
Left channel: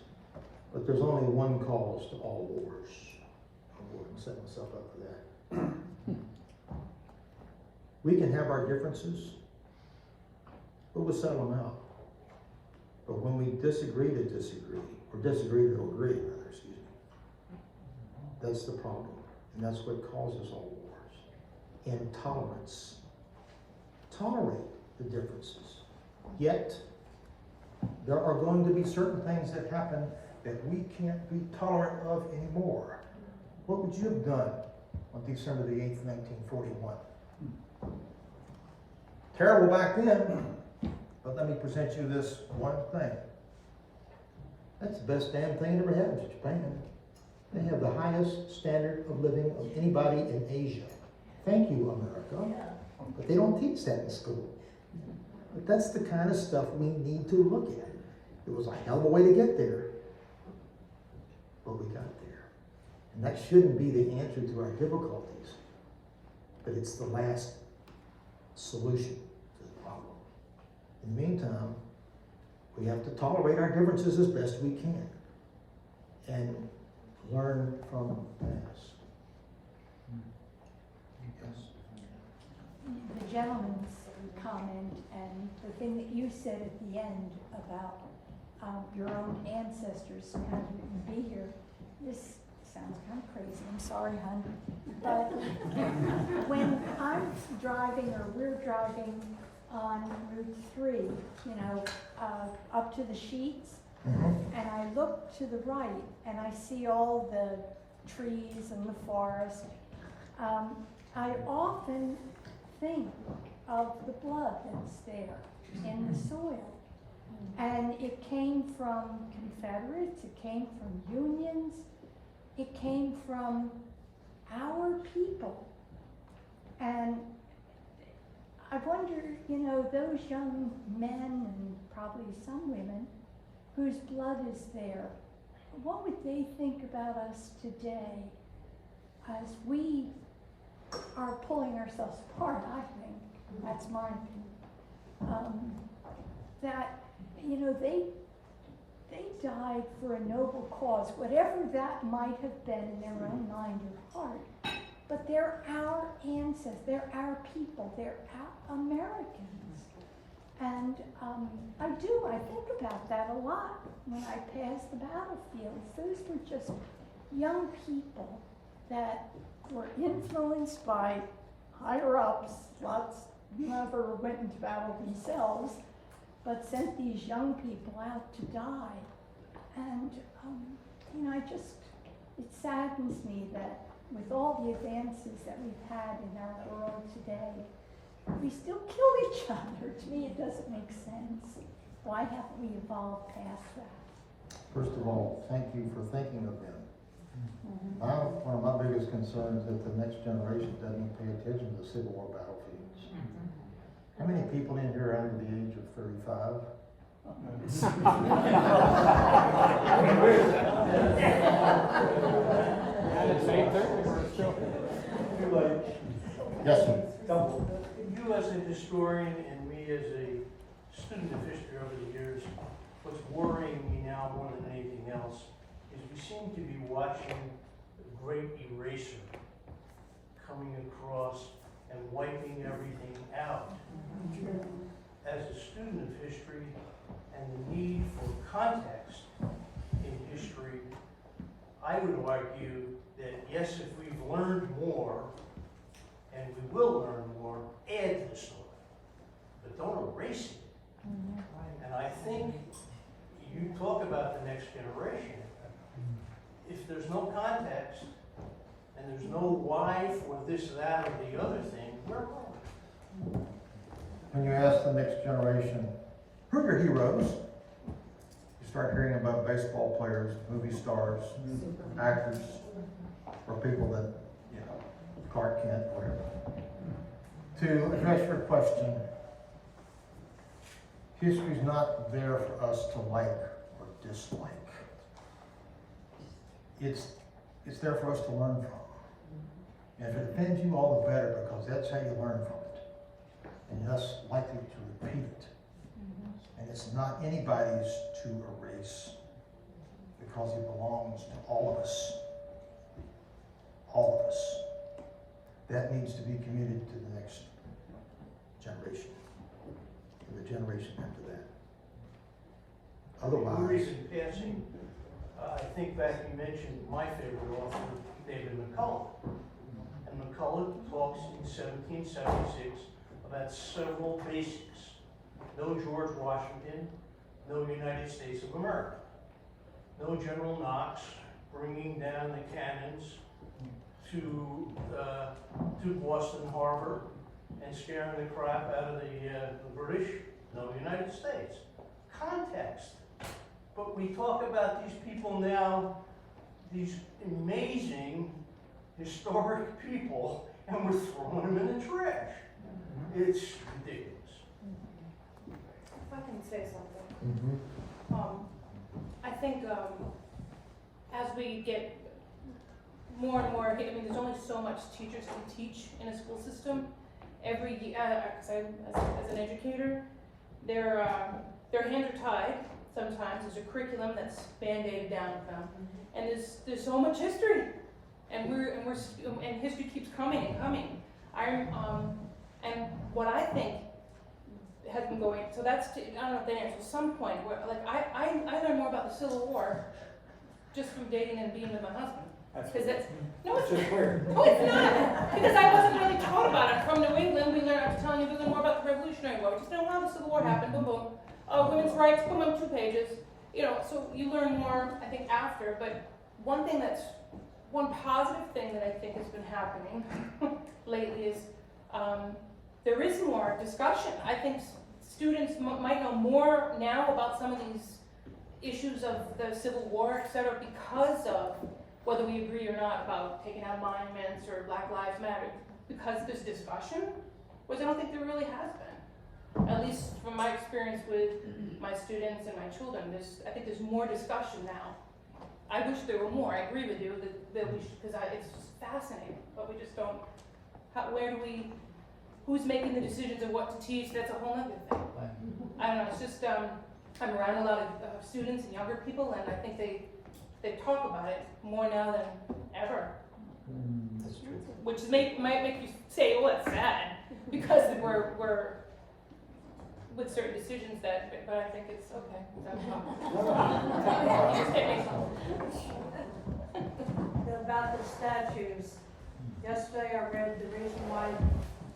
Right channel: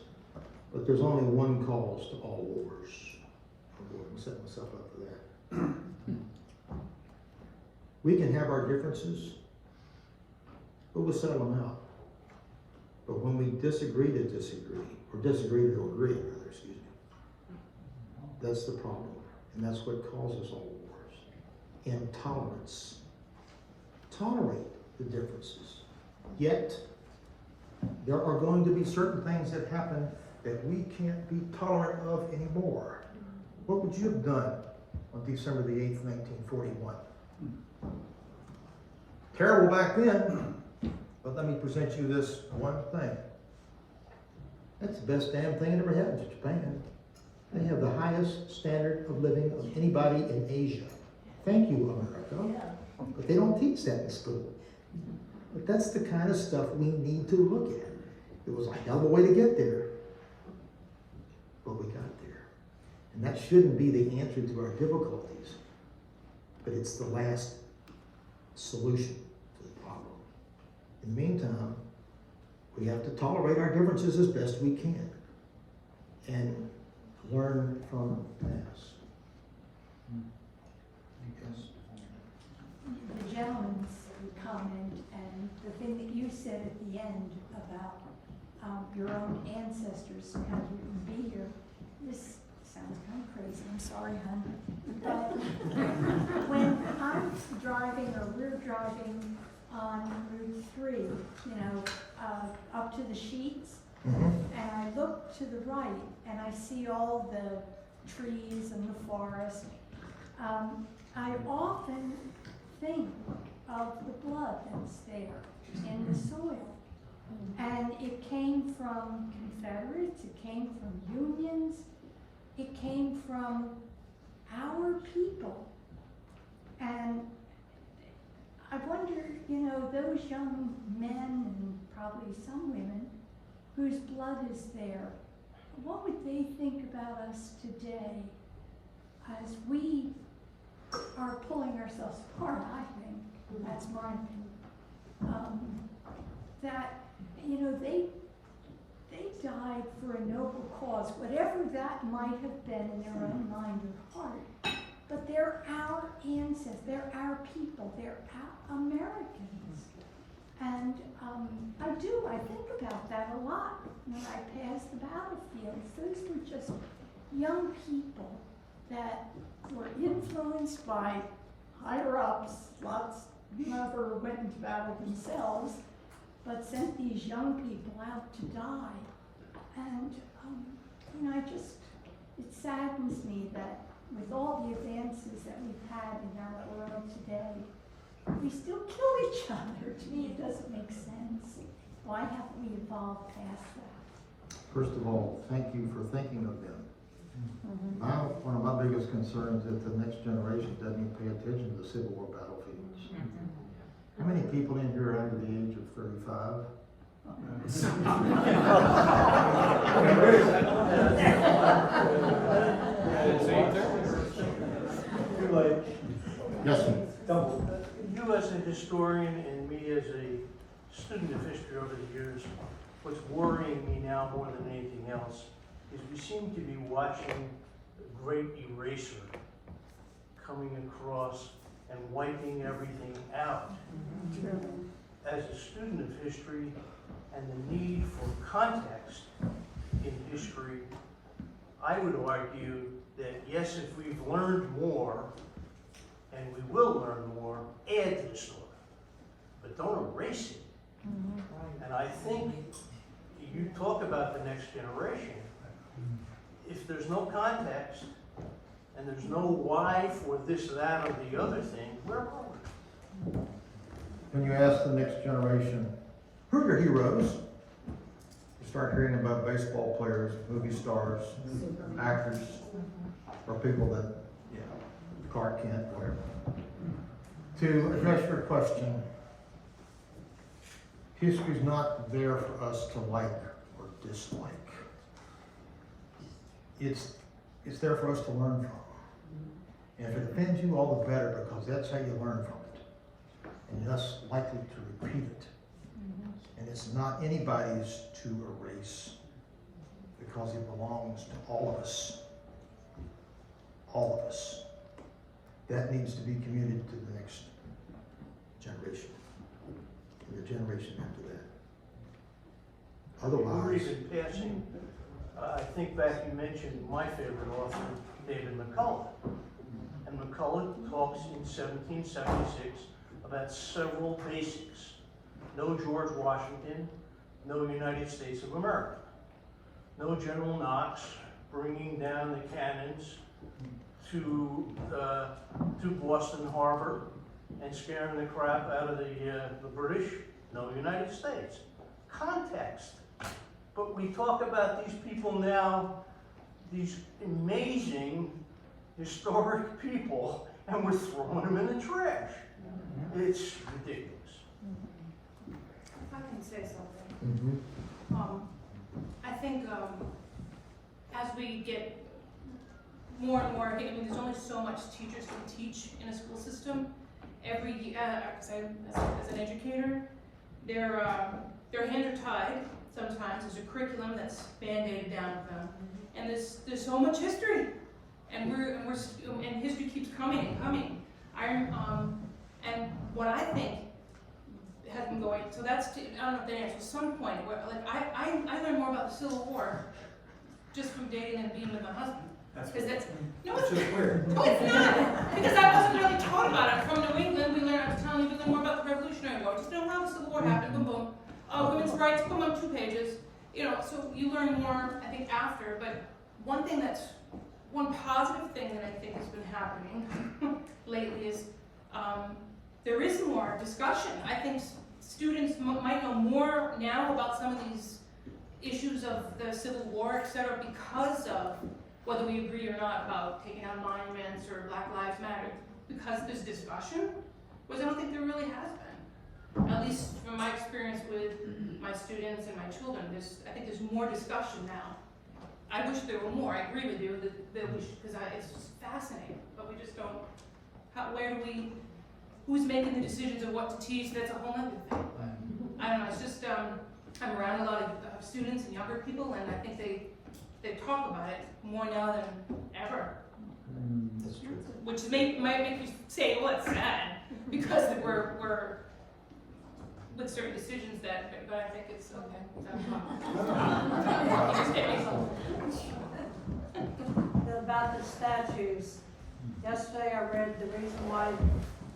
but there's only one cause to all wars. I'm going to set myself up for that. We can have our differences, but we'll settle them out. But when we disagree to disagree, or disagree to agree, rather, excuse me, that's the problem. And that's what causes all wars. Intolerance. Tolerate the differences. Yet, there are going to be certain things that happen that we can't be tolerant of anymore. What would you have done on December the 8th, 1941? Terrible back then, but let me present you this one thing. That's the best damn thing that ever happened to Japan. They have the highest standard of living of anybody in Asia. Thank you, America. But they don't teach that in school. But that's the kind of stuff we need to look at. It was a hell of a way to get there, but we got there. And that shouldn't be the answer to our difficulties, but it's the last solution to the problem. In the meantime, we have to tolerate our differences as best we can and learn from the past. Yes. The gentleman's comment and the thing that you said at the end about your own ancestors kind of wouldn't be here. This sounds kind of crazy. I'm sorry, hon. But when I'm driving or we're driving on Route 3, you know, up to the Sheets, and I look to the right and I see all the trees and the forest, I often think of the blood that's there in the soil. And it came from Confederates, it came from Unions, it came from our people. And I wonder, you know, those young men and probably some women whose blood is there, what would they think about us today as we are pulling ourselves apart, I think. That's my opinion. That, you know, they died for a noble cause, whatever that might have been in their own mind or heart. But they're our ancestors, they're our people, they're our Americans. And I think about that a lot when I pass the battlefields. Those were just young people that were influenced by higher ups. Lots never went into battle themselves, but sent these young people out to die. And, you know, it saddens me that with all the advances that we've had in our world today, we still kill each other. To me, it doesn't make sense. Why haven't we evolved past that? First of all, thank you for thinking of them. One of my biggest concerns is that the next generation doesn't pay attention to the Civil War battlefields. How many people in here are under the age of 35? It's 8:30. Too late. Yes, sir. You as a historian and me as a student of history over the years, what's worrying me now more than anything else is we seem to be watching the great eraser coming across and wiping everything out. As a student of history and the need for context in history, I would argue that yes, if we've learned more, and we will learn more, add to the story, but don't erase it. And I think you talk about the next generation. If there's no context and there's no why for this, that, or the other thing, we're wrong. When you ask the next generation, who are your heroes? You start hearing about baseball players, movie stars, actors, or people that, Clark Kent, whatever. To address your question, history's not there for us to like or dislike. It's there for us to learn from. And if it offends you, all the better, because that's how you learn from it. And you're less likely to repeat it. And it's not anybody's to erase, because it belongs to all of us. All of us. That needs to be communicated to the next generation, and the generation after that. Otherwise, reason passing, I think back, you mentioned my favorite author, David McCullough. And McCullough talks in 1776 about several basics. No George Washington, no United States of America. No General Knox bringing down the cannons to Boston Harbor and scaring the crap out of the British. No United States. Context. But we talk about these people now, these amazing historic people, and we're throwing them in the trash. It's ridiculous. If I can say something. I think as we get more and more, I mean, there's only so much teachers can teach in a school system. Every as an educator, their hands are tied. Sometimes there's a curriculum that's band-aided down with them, and there's so much history, and history keeps coming and coming. And what I think has been going, so that's, I don't know if that answers some point where, like, I learned more about the Civil War just from dating and being with my husband. No, it's weird. No, it's not, because I wasn't really taught about it. From New England, we learned, I was telling you more about the Revolutionary War. We just know how the Civil War happened, boom, boom. Oh, women's rights, boom, boom, 2 pages. So you learn more, I think, after, but one positive thing that I think has been happening lately is there is more discussion. I think students might know more now about some of these issues of the Civil War, et cetera, because of whether we agree or not about taking out monuments or Black Lives Matter, because there's discussion, whereas I don't think there really has been. At least from my experience with my students and my children, I think there's more discussion now. I wish there were more. I agree with you that we should, because it's just fascinating, but we just don't. Who's making the decisions of what to teach? That's a whole other thing. But I don't know. It's just I'm around a lot of students and younger people, and I think they talk about it more now than ever. That's true. Which might make you say, "Oh, it's sad," because we're with certain decisions but I think it's okay. About the statues, yesterday I read the reason why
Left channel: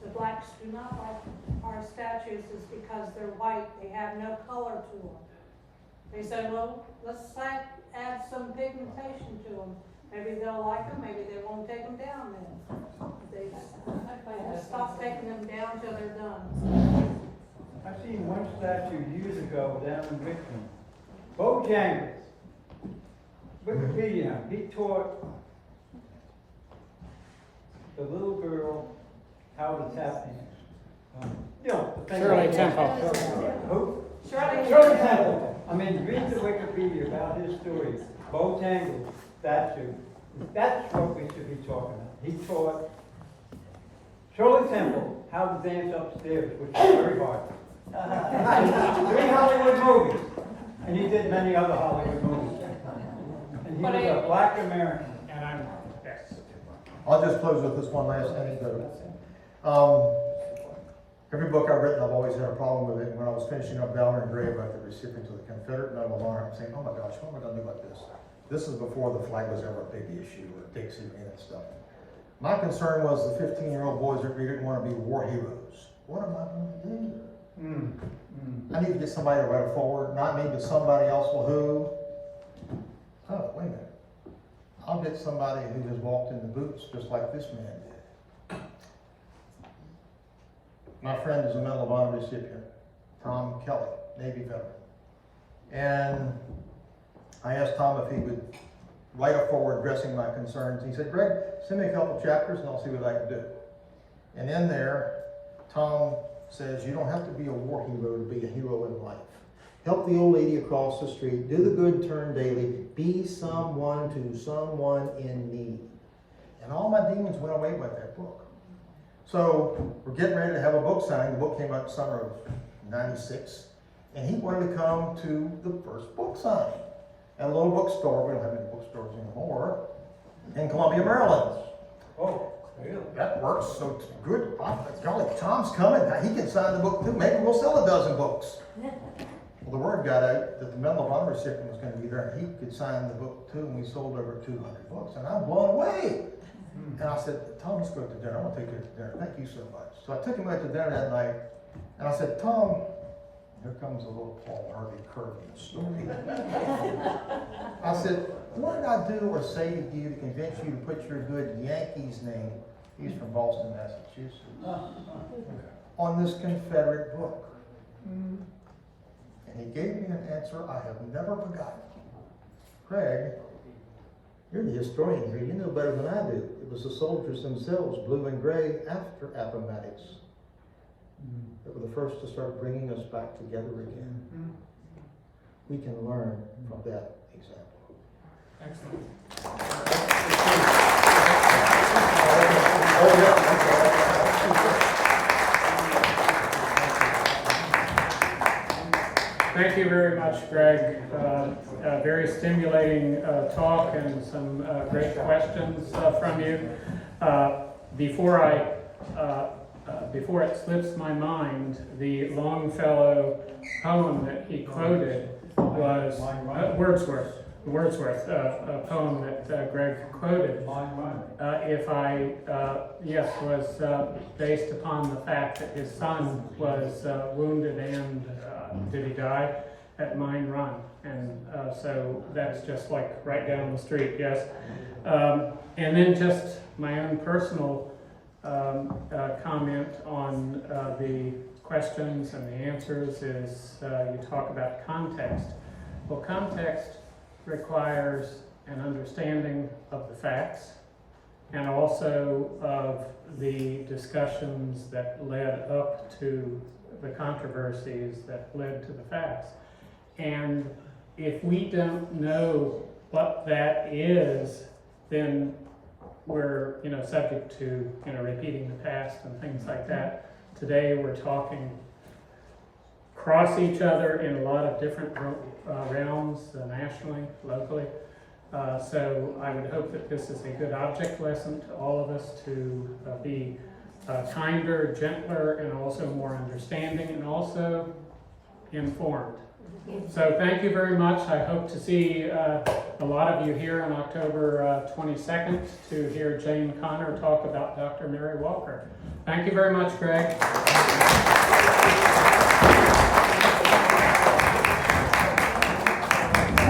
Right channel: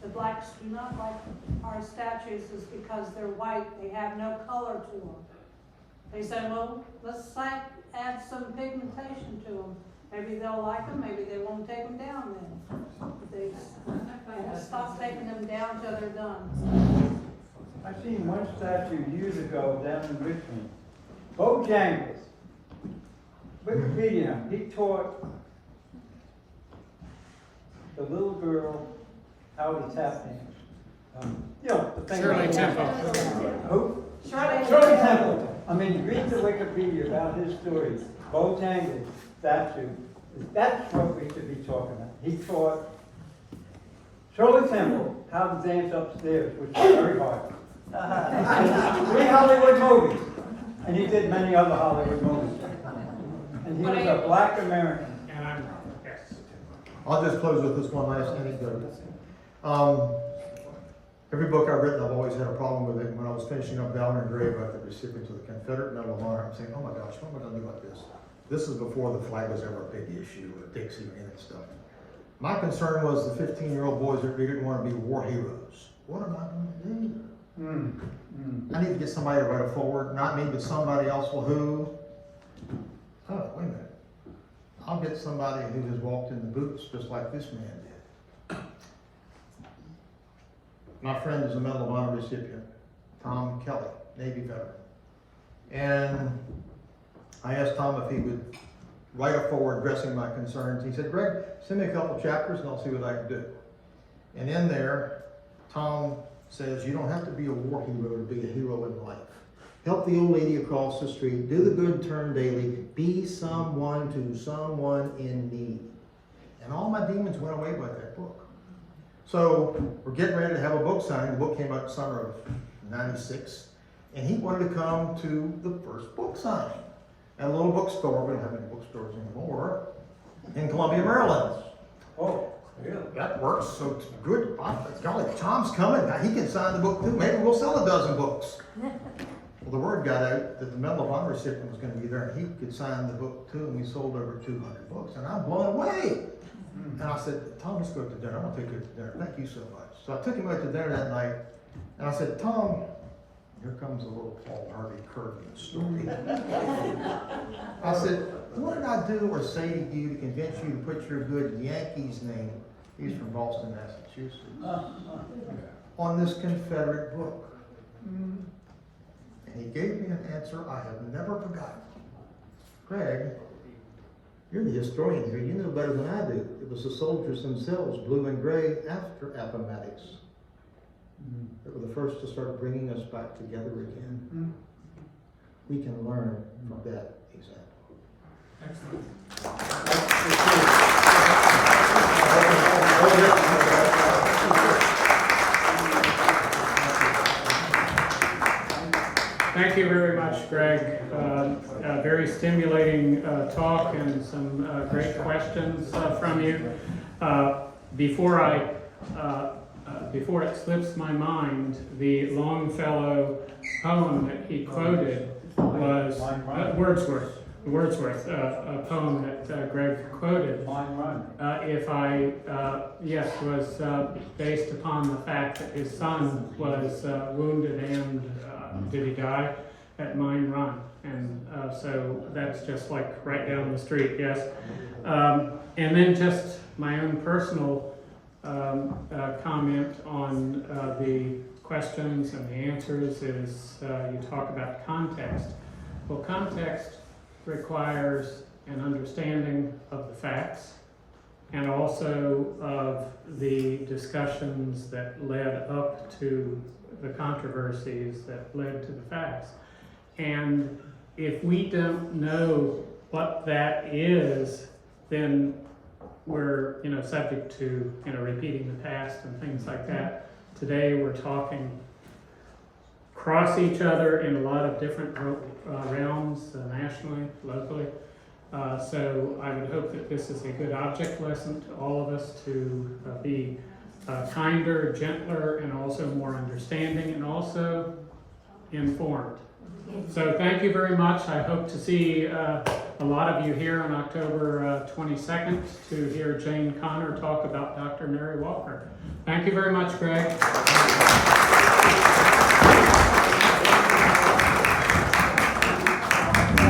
the blacks do not like our statues is because they're white, they have no color to them. They say, well, let's add some pigmentation to them. Maybe they'll like them, maybe they won't take them down then. They stop taking them down till they're done. I seen one statue years ago down in Richmond. Bojangles. Wikipedia, he taught the little girl how to tap dance. The thing Shirley about- Temple. Who? Shirley Shirley Temple. I mean, read the Wikipedia about his story. Bojangles statue. That's what we should be talking about. He taught It's really simple, how to dance upstairs, which is very hard. 3 Hollywood movies, and he did many other Hollywood movies. And he was a black American. And I'm, yes. I'll just close with this one last anecdote. Every book I've written, I've always had a problem with it. When I was finishing up Valerie and Gray about the recipients of the Confederate Medal of Honor, I'm saying, oh my gosh, what am I gonna do about this? This is before the flag was ever a big issue, or Dixie and that stuff. My concern was the 15-year-old boys that really didn't want to be war heroes. What am I gonna do? I need to get somebody to write it forward, not me, but somebody else. Well, who? Oh, wait a minute. I'll get somebody who has walked in the boots just like this man did. My friend is a Medal of Honor recipient, Tom Kelly, Navy veteran. And I asked Tom if he would write a forward addressing my concerns. He said, Greg, send me a couple chapters and I'll see what I can do. And in there, Tom says, you don't have to be a war hero to be a hero in life. Help the old lady across the street, do the good turn daily, be someone to someone in need. And all my demons went away by that book. So we're getting ready to have a book signed. The book came out in summer of '96. And he wanted to come to the first book signing at a little bookstore. We don't have any bookstores anymore. In Columbia, Maryland. Oh, really? That works, so it's good. Golly, Tom's coming. Now he can sign the book too. Maybe we'll sell a dozen books. Well, the word got out that the Medal of Honor recipient was going to be there, and he could sign the book too, and we sold over 200 books, and I'm blown away. And I said, Tom, let's go to dinner. I'm going to take you to dinner. Thank you so much. So I took him out to dinner that night, and I said, Tom, here comes a little Paul Harvey curve in the story. I said, what did I do or say to you to convince you to put your good Yankees name, he's from Boston, Massachusetts, on this Confederate book? And he gave me an answer I have never forgotten. Greg, you're the historian here. You know better than I do. It was the soldiers themselves, blue and gray, after Appomattox, that were the first to start bringing us back together again. We can learn from that example. Excellent. Thank you very much, Greg. A very stimulating talk and some great questions from you. Before it slips my mind, the Longfellow poem that he quoted was Wordsworth, a poem that Greg quoted. Was based upon the fact that his son was wounded and did he die at Mine Run, and so that's just like right down the street, yes. And then just my own personal comment on the questions and the answers is you talk about context. Well, context requires an understanding of the facts and also of the discussions that led up to the controversies that led to the facts. And if we don't know what that is, then we're subject to repeating the past and things like that. Today we're talking across each other in a lot of different realms, nationally, locally. So I would hope that this is a good object lesson to all of us to be kinder, gentler, and also more understanding, and also informed. So thank you very much. I hope to see a lot of you here on October 22nd to hear Jane Connor talk about Dr. Mary Walker. Thank you very much, Greg.